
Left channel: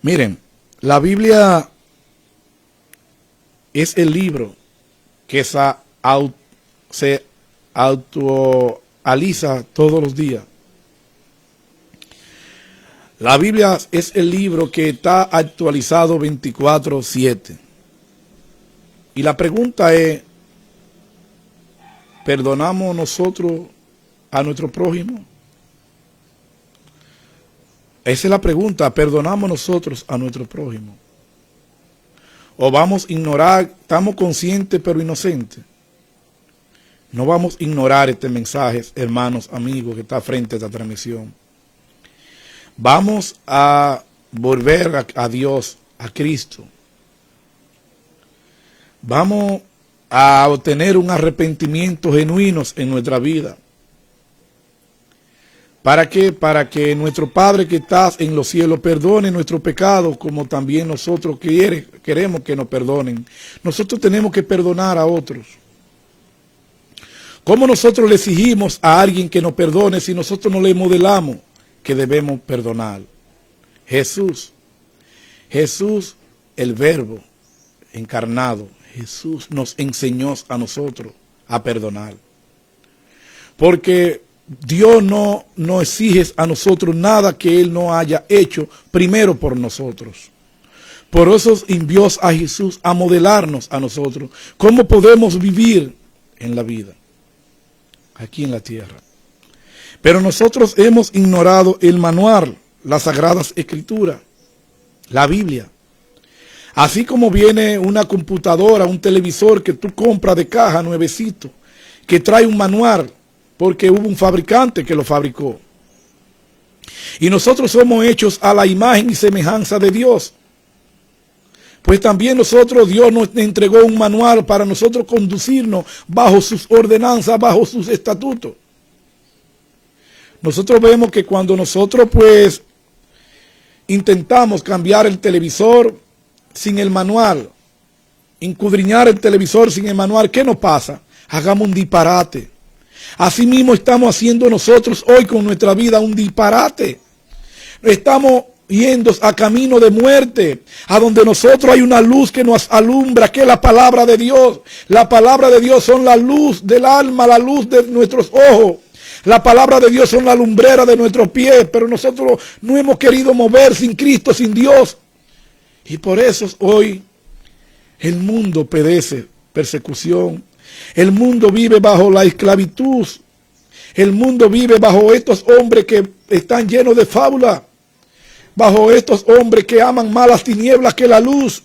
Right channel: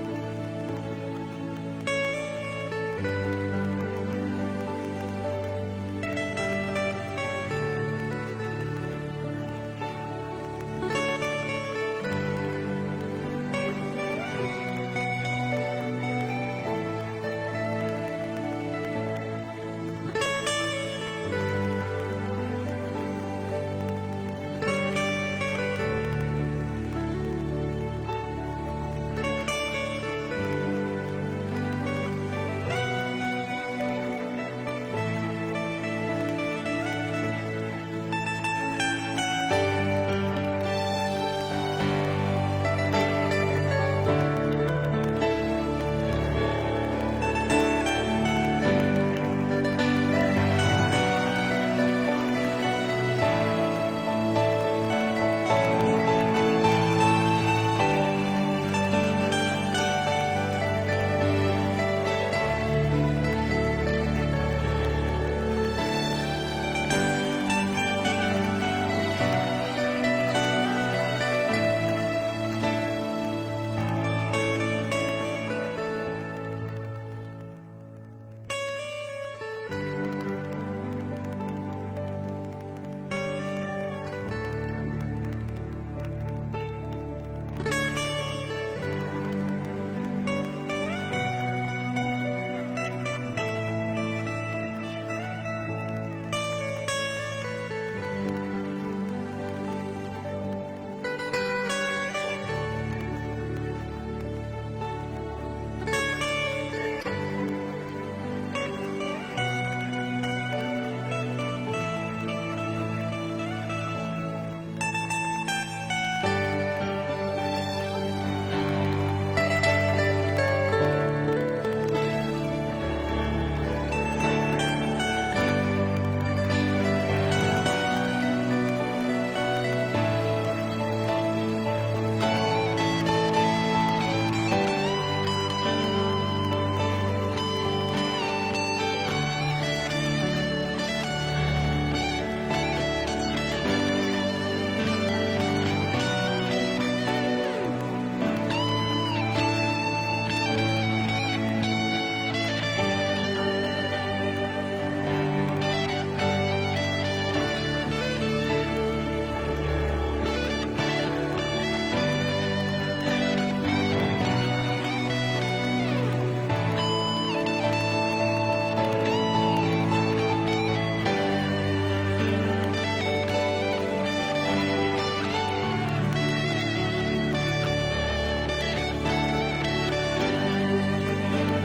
Miren, la Biblia es el libro que se actualiza todos los días. La Biblia es el libro que está actualizado 24/7. Y la pregunta es, ¿perdonamos nosotros a nuestro prójimo? Esa es la pregunta, ¿perdonamos nosotros a nuestro prójimo? ¿O vamos a ignorar, estamos conscientes pero inocentes? No vamos a ignorar este mensaje, hermanos, amigos, que está frente a esta transmisión. Vamos a volver a Dios, a Cristo. Vamos a obtener un arrepentimiento genuino en nuestra vida. ¿Para qué? Para que nuestro Padre que estás en los cielos perdone nuestros pecados, como también nosotros queremos que nos perdonen. Nosotros tenemos que perdonar a otros. ¿Cómo nosotros le exigimos a alguien que nos perdone si nosotros no le modelamos que debemos perdonar? Jesús, el Verbo encarnado, Jesús nos enseñó a nosotros a perdonar. Porque Dios no exige a nosotros nada que Él no haya hecho primero por nosotros. Por eso envió a Jesús a modelarnos a nosotros cómo podemos vivir en la vida, aquí en la tierra. Pero nosotros hemos ignorado el manual, las Sagradas Escrituras, la Biblia. Así como viene una computadora, un televisor que tú compras de caja nuevecito, que trae un manual, porque hubo un fabricante que lo fabricó. Y nosotros somos hechos a la imagen y semejanza de Dios. Pues también Dios nos entregó un manual para nosotros conducirnos bajo sus ordenanzas, bajo sus estatutos. Nosotros vemos que cuando nosotros pues intentamos cambiar el televisor sin el manual, escudriñar el televisor sin el manual, ¿qué nos pasa? Hagamos un disparate. Así mismo estamos haciendo nosotros hoy con nuestra vida un disparate. Estamos yendo a camino de muerte, a donde nosotros hay una luz que nos alumbra, que es la palabra de Dios. La palabra de Dios son la luz del alma, la luz de nuestros ojos. La palabra de Dios son la lumbrera de nuestros pies, pero nosotros no hemos querido mover sin Cristo, sin Dios. Y por eso hoy el mundo padece persecución. El mundo vive bajo la esclavitud. El mundo vive bajo estos hombres que están llenos de fábula. Bajo estos hombres que aman más las tinieblas que la luz.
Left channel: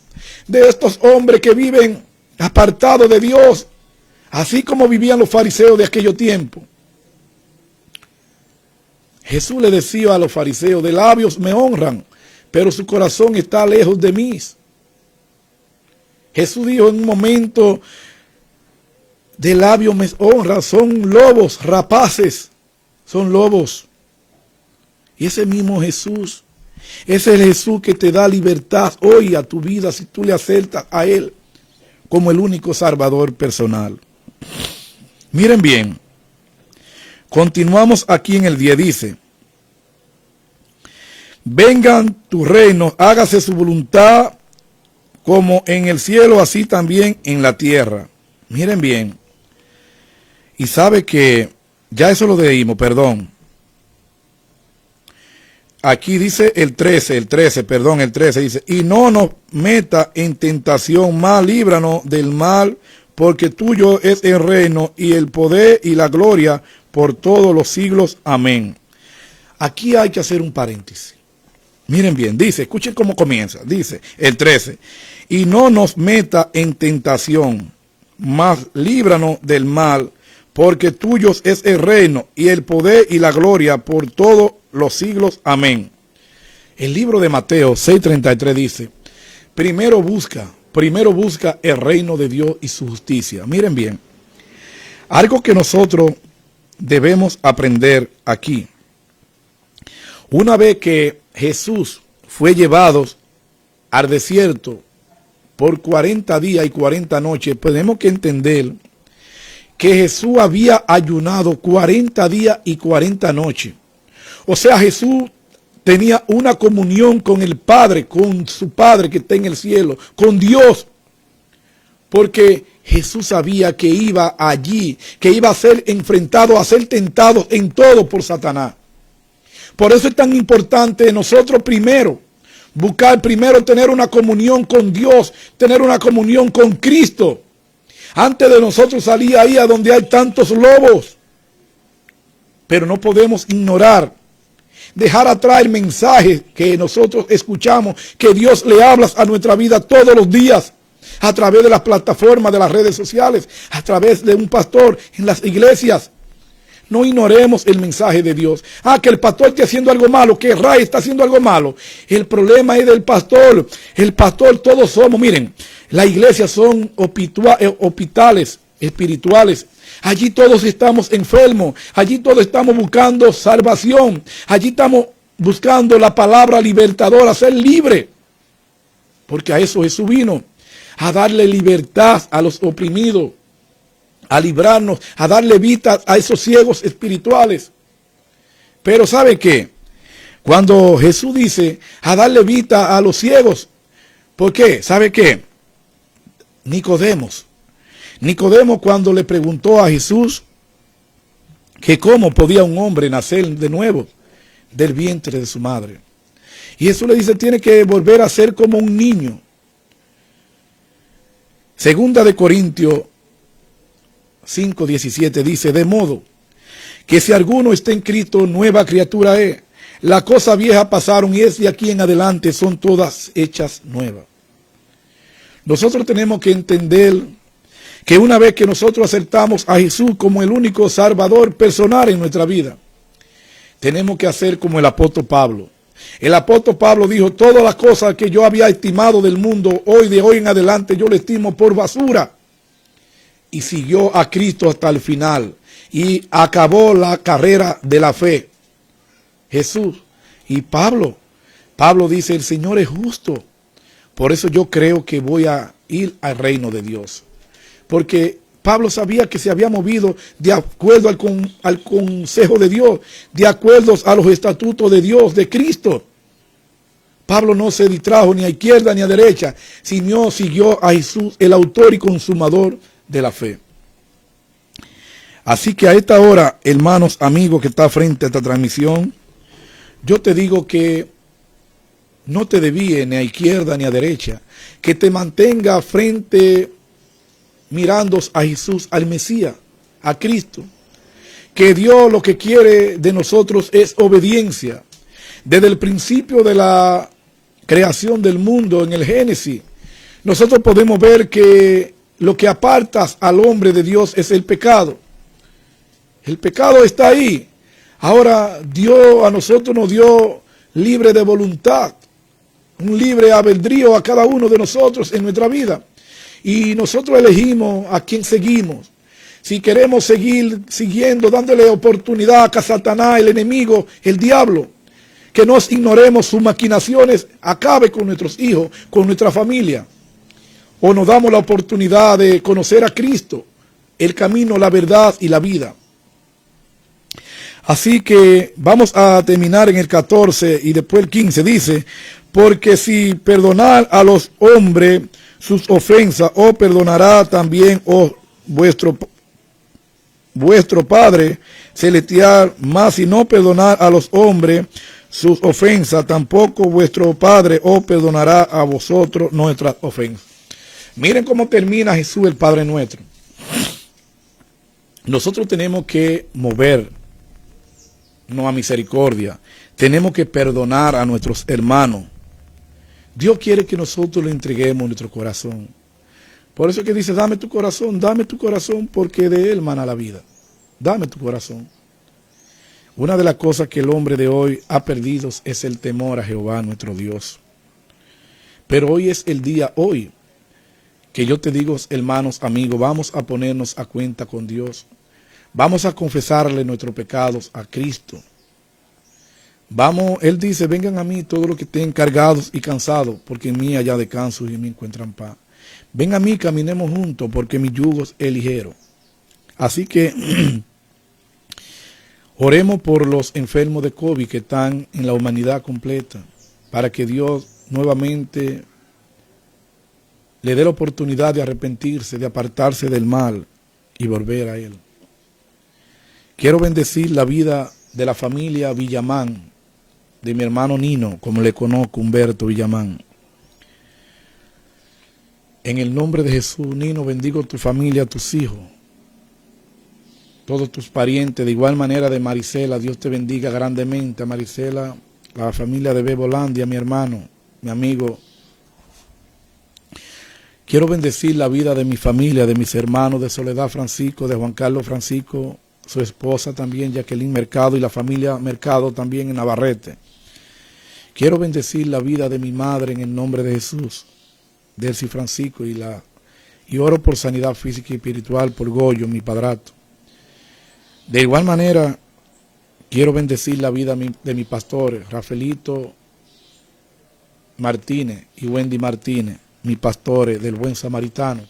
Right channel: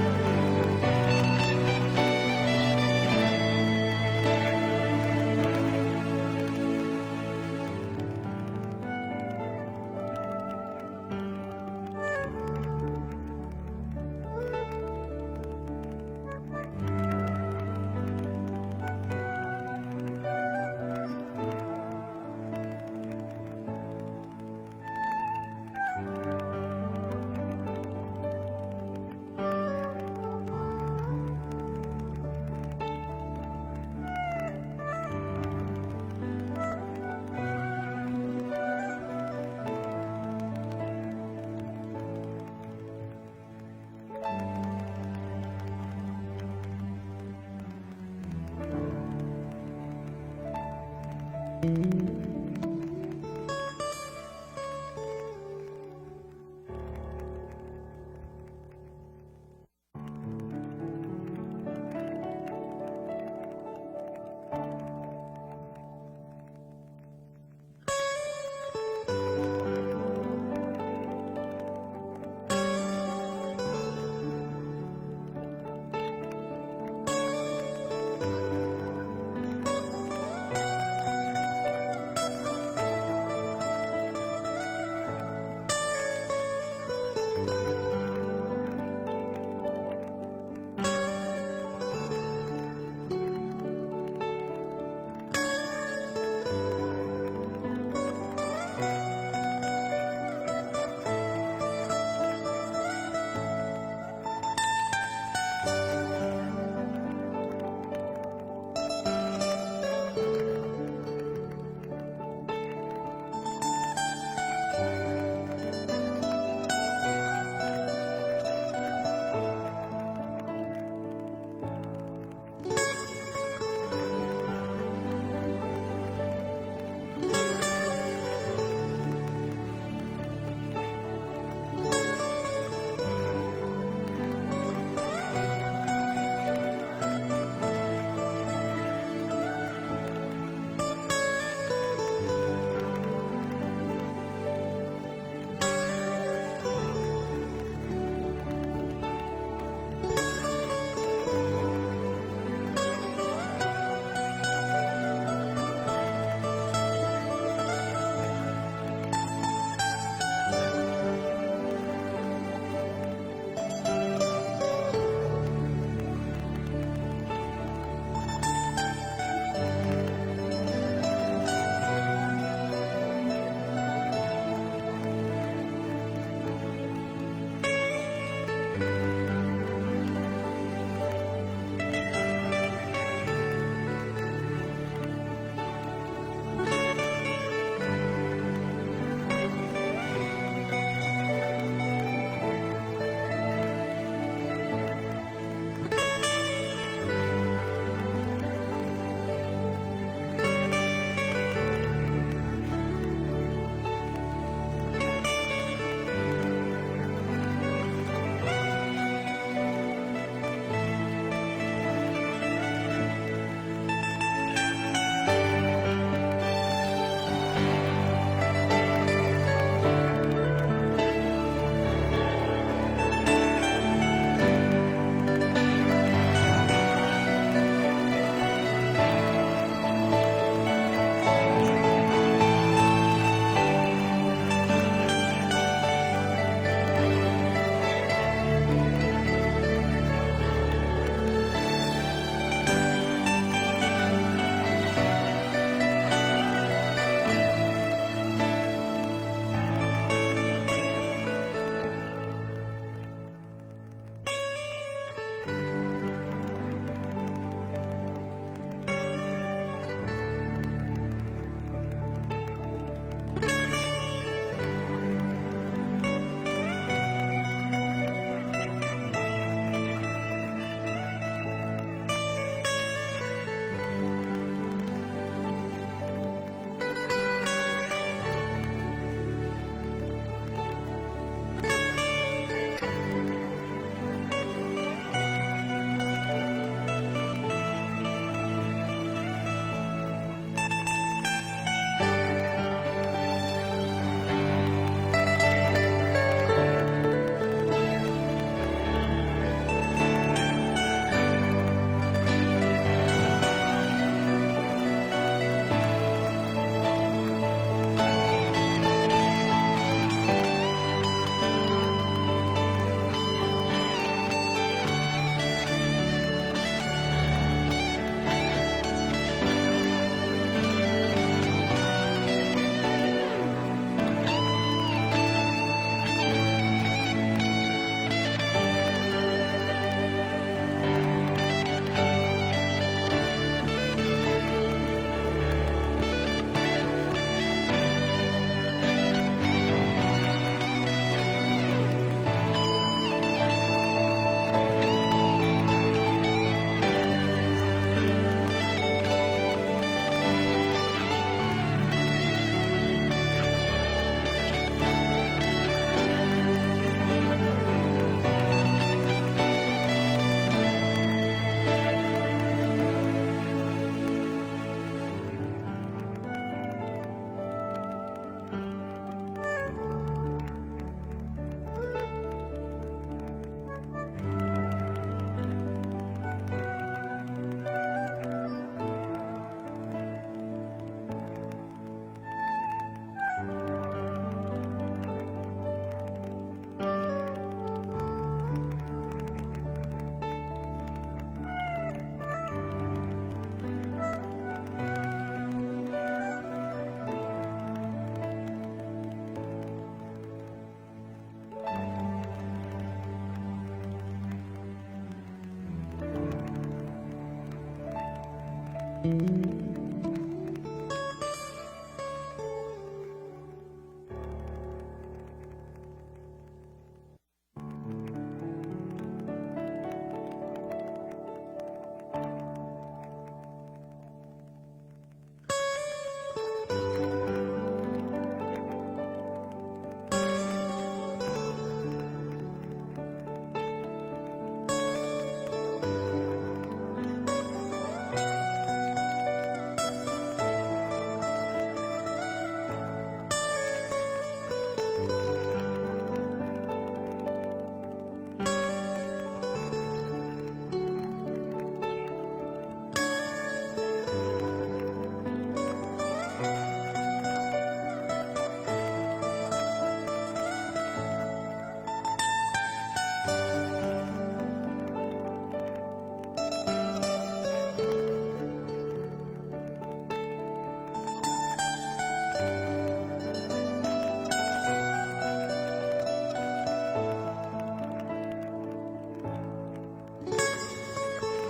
De estos hombres que viven apartados de Dios. Así como vivían los fariseos de aquellos tiempos. Jesús le decía a los fariseos, de labios me honran, pero su corazón está lejos de mí. Jesús dijo en un momento, de labios me honra, son lobos rapaces, son lobos. Y ese mismo Jesús, ese es el Jesús que te da libertad hoy a tu vida si tú le aceptas a Él como el único Salvador personal. Miren bien, continuamos aquí en el 10, dice, vengan tu reino, hágase su voluntad como en el cielo, así también en la tierra. Miren bien, y sabe que, ya eso lo leímos, perdón. Aquí dice el 13 dice, y no nos meta en tentación, mas líbranos del mal, porque tuyo es el reino y el poder y la gloria por todos los siglos. Amén. Aquí hay que hacer un paréntesis. Miren bien, dice, escuchen cómo comienza, dice el 13, y no nos meta en tentación, mas líbranos del mal, porque tuyo es el reino y el poder y la gloria por todos los siglos. Amén. El libro de Mateo 6:33 dice, primero busca el reino de Dios y su justicia. Miren bien, algo que nosotros debemos aprender aquí. Una vez que Jesús fue llevado al desierto por 40 días y 40 noches, tenemos que entender que Jesús había ayunado 40 días y 40 noches. O sea, Jesús tenía una comunión con el Padre, con su Padre que está en el cielo, con Dios. Porque Jesús sabía que iba allí, que iba a ser enfrentado, a ser tentado en todo por Satanás. Por eso es tan importante nosotros primero, buscar primero tener una comunión con Dios, tener una comunión con Cristo. Antes de nosotros salir ahí a donde hay tantos lobos. Pero no podemos ignorar, dejar atrás el mensaje que nosotros escuchamos, que Dios le habla a nuestra vida todos los días, a través de las plataformas de las redes sociales, a través de un pastor en las iglesias. No ignoremos el mensaje de Dios. Que el pastor está haciendo algo malo, que Ray está haciendo algo malo. El problema es del pastor. El pastor todos somos, miren, las iglesias son hospitales espirituales. Allí todos estamos enfermos. Allí todos estamos buscando salvación. Allí estamos buscando la palabra libertadora, ser libre. Porque a eso Jesús vino, a darle libertad a los oprimidos, a librarnos, a darle vida a esos ciegos espirituales. Pero ¿sabe qué? Cuando Jesús dice a darle vida a los ciegos, ¿por qué? ¿Sabe qué? Nicodemo cuando le preguntó a Jesús que cómo podía un hombre nacer de nuevo del vientre de su madre. Y Jesús le dice, tiene que volver a ser como un niño. Segunda de Corintios 5:17 dice, de modo que si alguno está en Cristo, nueva criatura es. Las cosas viejas pasaron y es de aquí en adelante son todas hechas nuevas. Nosotros tenemos que entender que una vez que nosotros aceptamos a Jesús como el único Salvador personal en nuestra vida, tenemos que hacer como el apóstol Pablo. El apóstol Pablo dijo, todas las cosas que yo había estimado del mundo, de hoy en adelante yo le estimo por basura. Y siguió a Cristo hasta el final y acabó la carrera de la fe. Jesús y Pablo dice, el Señor es justo. Por eso yo creo que voy a ir al reino de Dios. Porque Pablo sabía que se había movido de acuerdo al consejo de Dios, de acuerdo a los estatutos de Dios, de Cristo. Pablo no se distrajo ni a izquierda ni a derecha, sino siguió a Jesús, el autor y consumador de la fe. Así que a esta hora, hermanos, amigos que está frente a esta transmisión, yo te digo que no te desvíes ni a izquierda ni a derecha, que te mantenga frente, mirando a Jesús, al Mesías, a Cristo. Que Dios lo que quiere de nosotros es obediencia. Desde el principio de la creación del mundo, en el Génesis, nosotros podemos ver que lo que apartas al hombre de Dios es el pecado. El pecado está ahí. Ahora Dios a nosotros nos dio libre de voluntad, un libre albedrío a cada uno de nosotros en nuestra vida. y nosotros elegimos a quién seguimos. Si queremos seguir siguiendo, dándole oportunidad a Satanás, el enemigo, el diablo, que nos ignoremos sus maquinaciones, acabe con nuestros hijos, con nuestra familia. O nos damos la oportunidad de conocer a Cristo, el camino, la verdad y la vida. Así que vamos a terminar en el 14 y después el 15. Dice: porque si perdonar a los hombres sus ofensas, os perdonará también vuestro Padre celestial. Mas si no perdonar a los hombres sus ofensas, tampoco vuestro Padre os perdonará a vosotros nuestras ofensas. Miren cómo termina Jesús, el Padre nuestro. Nosotros tenemos que movernos a misericordia. Tenemos que perdonar a nuestros hermanos. Dios quiere que nosotros le entreguemos nuestro corazón. Por eso es que dice: dame tu corazón, porque de él mana la vida. Dame tu corazón. Una de las cosas que el hombre de hoy ha perdido es el temor a Jehová nuestro Dios. Pero hoy es el día, hoy, que yo te digo, hermanos, amigos, vamos a ponernos a cuenta con Dios. Vamos a confesarle nuestros pecados a Cristo. Él dice: vengan a mí todos los que estén cargados y cansados, porque en mí haya descanso y en mí encuentran paz. Ven a mí, caminemos juntos, porque mi yugo es ligero. Así que oremos por los enfermos de COVID que están en la humanidad completa, para que Dios nuevamente le dé la oportunidad de arrepentirse, de apartarse del mal y volver a Él. Quiero bendecir la vida de la familia Villamán, de mi hermano Nino, como le conozco, Humberto Villamán. En el nombre de Jesús, Nino, bendigo tu familia, tus hijos, todos tus parientes. De igual manera de Marisela, Dios te bendiga grandemente. A Marisela, a la familia de Bebolandia, mi hermano, mi amigo. Quiero bendecir la vida de mi familia, de mis hermanos, de Soledad Francisco, de Juan Carlos Francisco, su esposa también, Jacqueline Mercado, y la familia Mercado también en Navarrete. Quiero bendecir la vida de mi madre en el nombre de Jesús, Delcy Francisco, y oro por sanidad física y espiritual por Goyo, mi padrastro. De igual manera, quiero bendecir la vida de mis pastores, Rafaelito Martínez y Wendy Martínez, mis pastores del Buen Samaritano,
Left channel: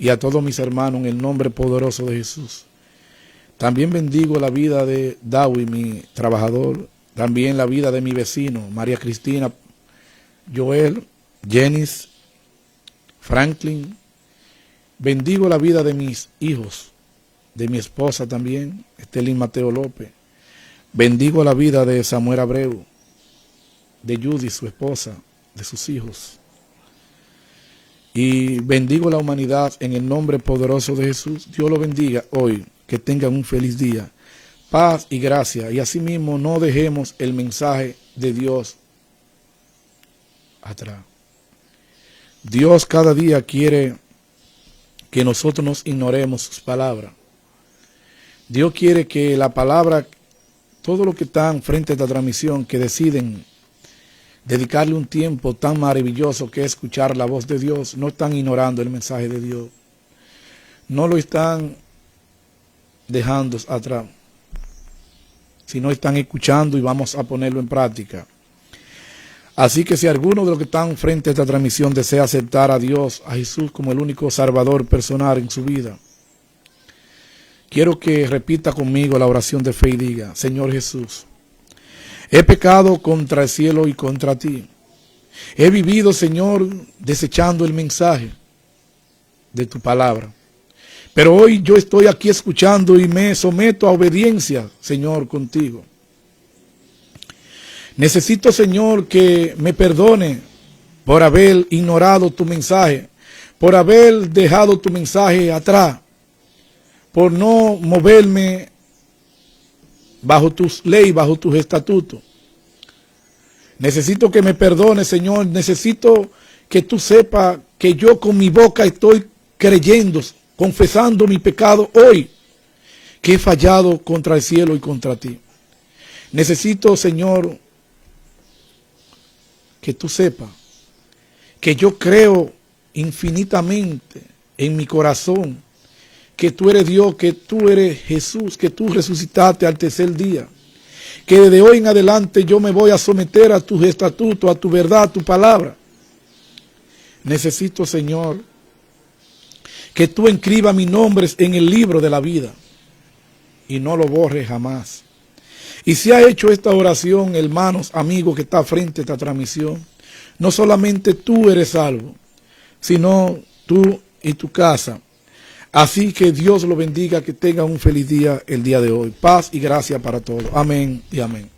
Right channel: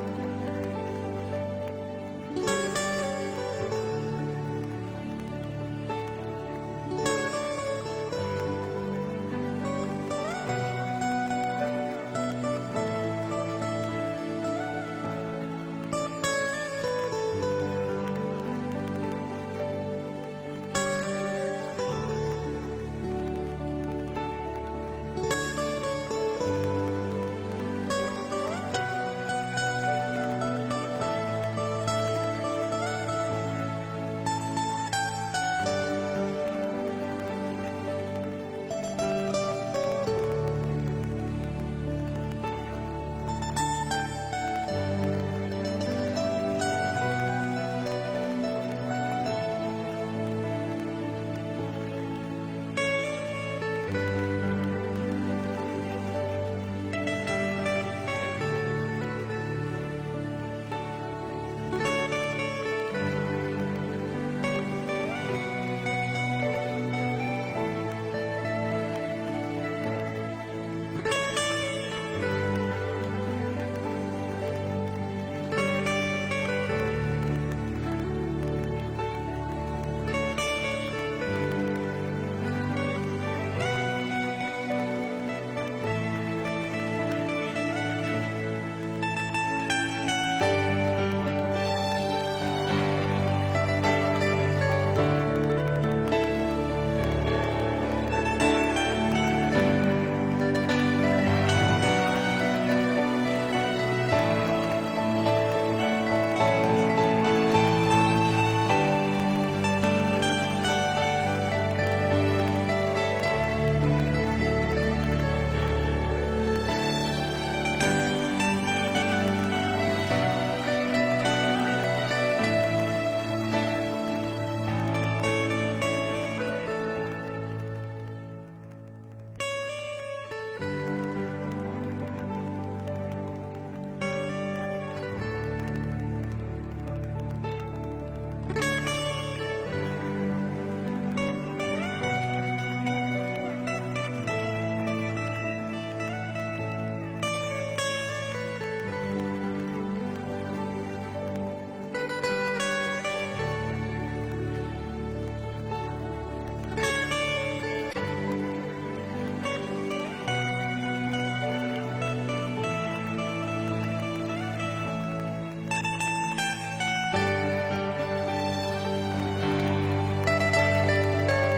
y a todos mis hermanos en el nombre poderoso de Jesús. También bendigo la vida de Dawi, mi trabajador, también la vida de mi vecino, María Cristina, Joel, Jenis, Franklin. Bendigo la vida de mis hijos, de mi esposa también, Estelín Mateo López. Bendigo la vida de Samuel Abreu, de Judy, su esposa, de sus hijos. Y bendigo la humanidad en el nombre poderoso de Jesús. Dios lo bendiga hoy, que tengan un feliz día, paz y gracia. Y asimismo no dejemos el mensaje de Dios atrás. Dios cada día quiere que nosotros nos ignoremos sus palabras. Dios quiere que la palabra, todos los que están frente a esta transmisión, que deciden dedicarle un tiempo tan maravilloso que es escuchar la voz de Dios, no están ignorando el mensaje de Dios, no lo están dejando atrás, sino están escuchando y vamos a ponerlo en práctica. Así que si alguno de los que están frente a esta transmisión desea aceptar a Dios, a Jesús como el único salvador personal en su vida, quiero que repita conmigo la oración de fe y diga: Señor Jesús, he pecado contra el cielo y contra ti. He vivido, Señor, desechando el mensaje de tu palabra. Pero hoy yo estoy aquí escuchando y me someto a obediencia, Señor, contigo. Necesito, Señor, que me perdone por haber ignorado tu mensaje, por haber dejado tu mensaje atrás, por no moverme bajo tus leyes, bajo tus estatutos. Necesito que me perdone, Señor. Necesito que tú sepas que yo con mi boca estoy creyendo, confesando mi pecado hoy, que he fallado contra el cielo y contra ti. Necesito, Señor, que tú sepas que yo creo infinitamente en mi corazón que tú eres Dios, que tú eres Jesús, que tú resucitaste al tercer día. Que desde hoy en adelante yo me voy a someter a tus estatutos, a tu verdad, a tu palabra. Necesito, Señor, que tú inscribas mis nombres en el libro de la vida y no lo borres jamás. Y si ha hecho esta oración, hermanos, amigos que está frente a esta transmisión, no solamente tú eres salvo, sino tú y tu casa. Así que Dios lo bendiga, que tengan un feliz día el día de hoy. Paz y gracia para todos. Amén y amén.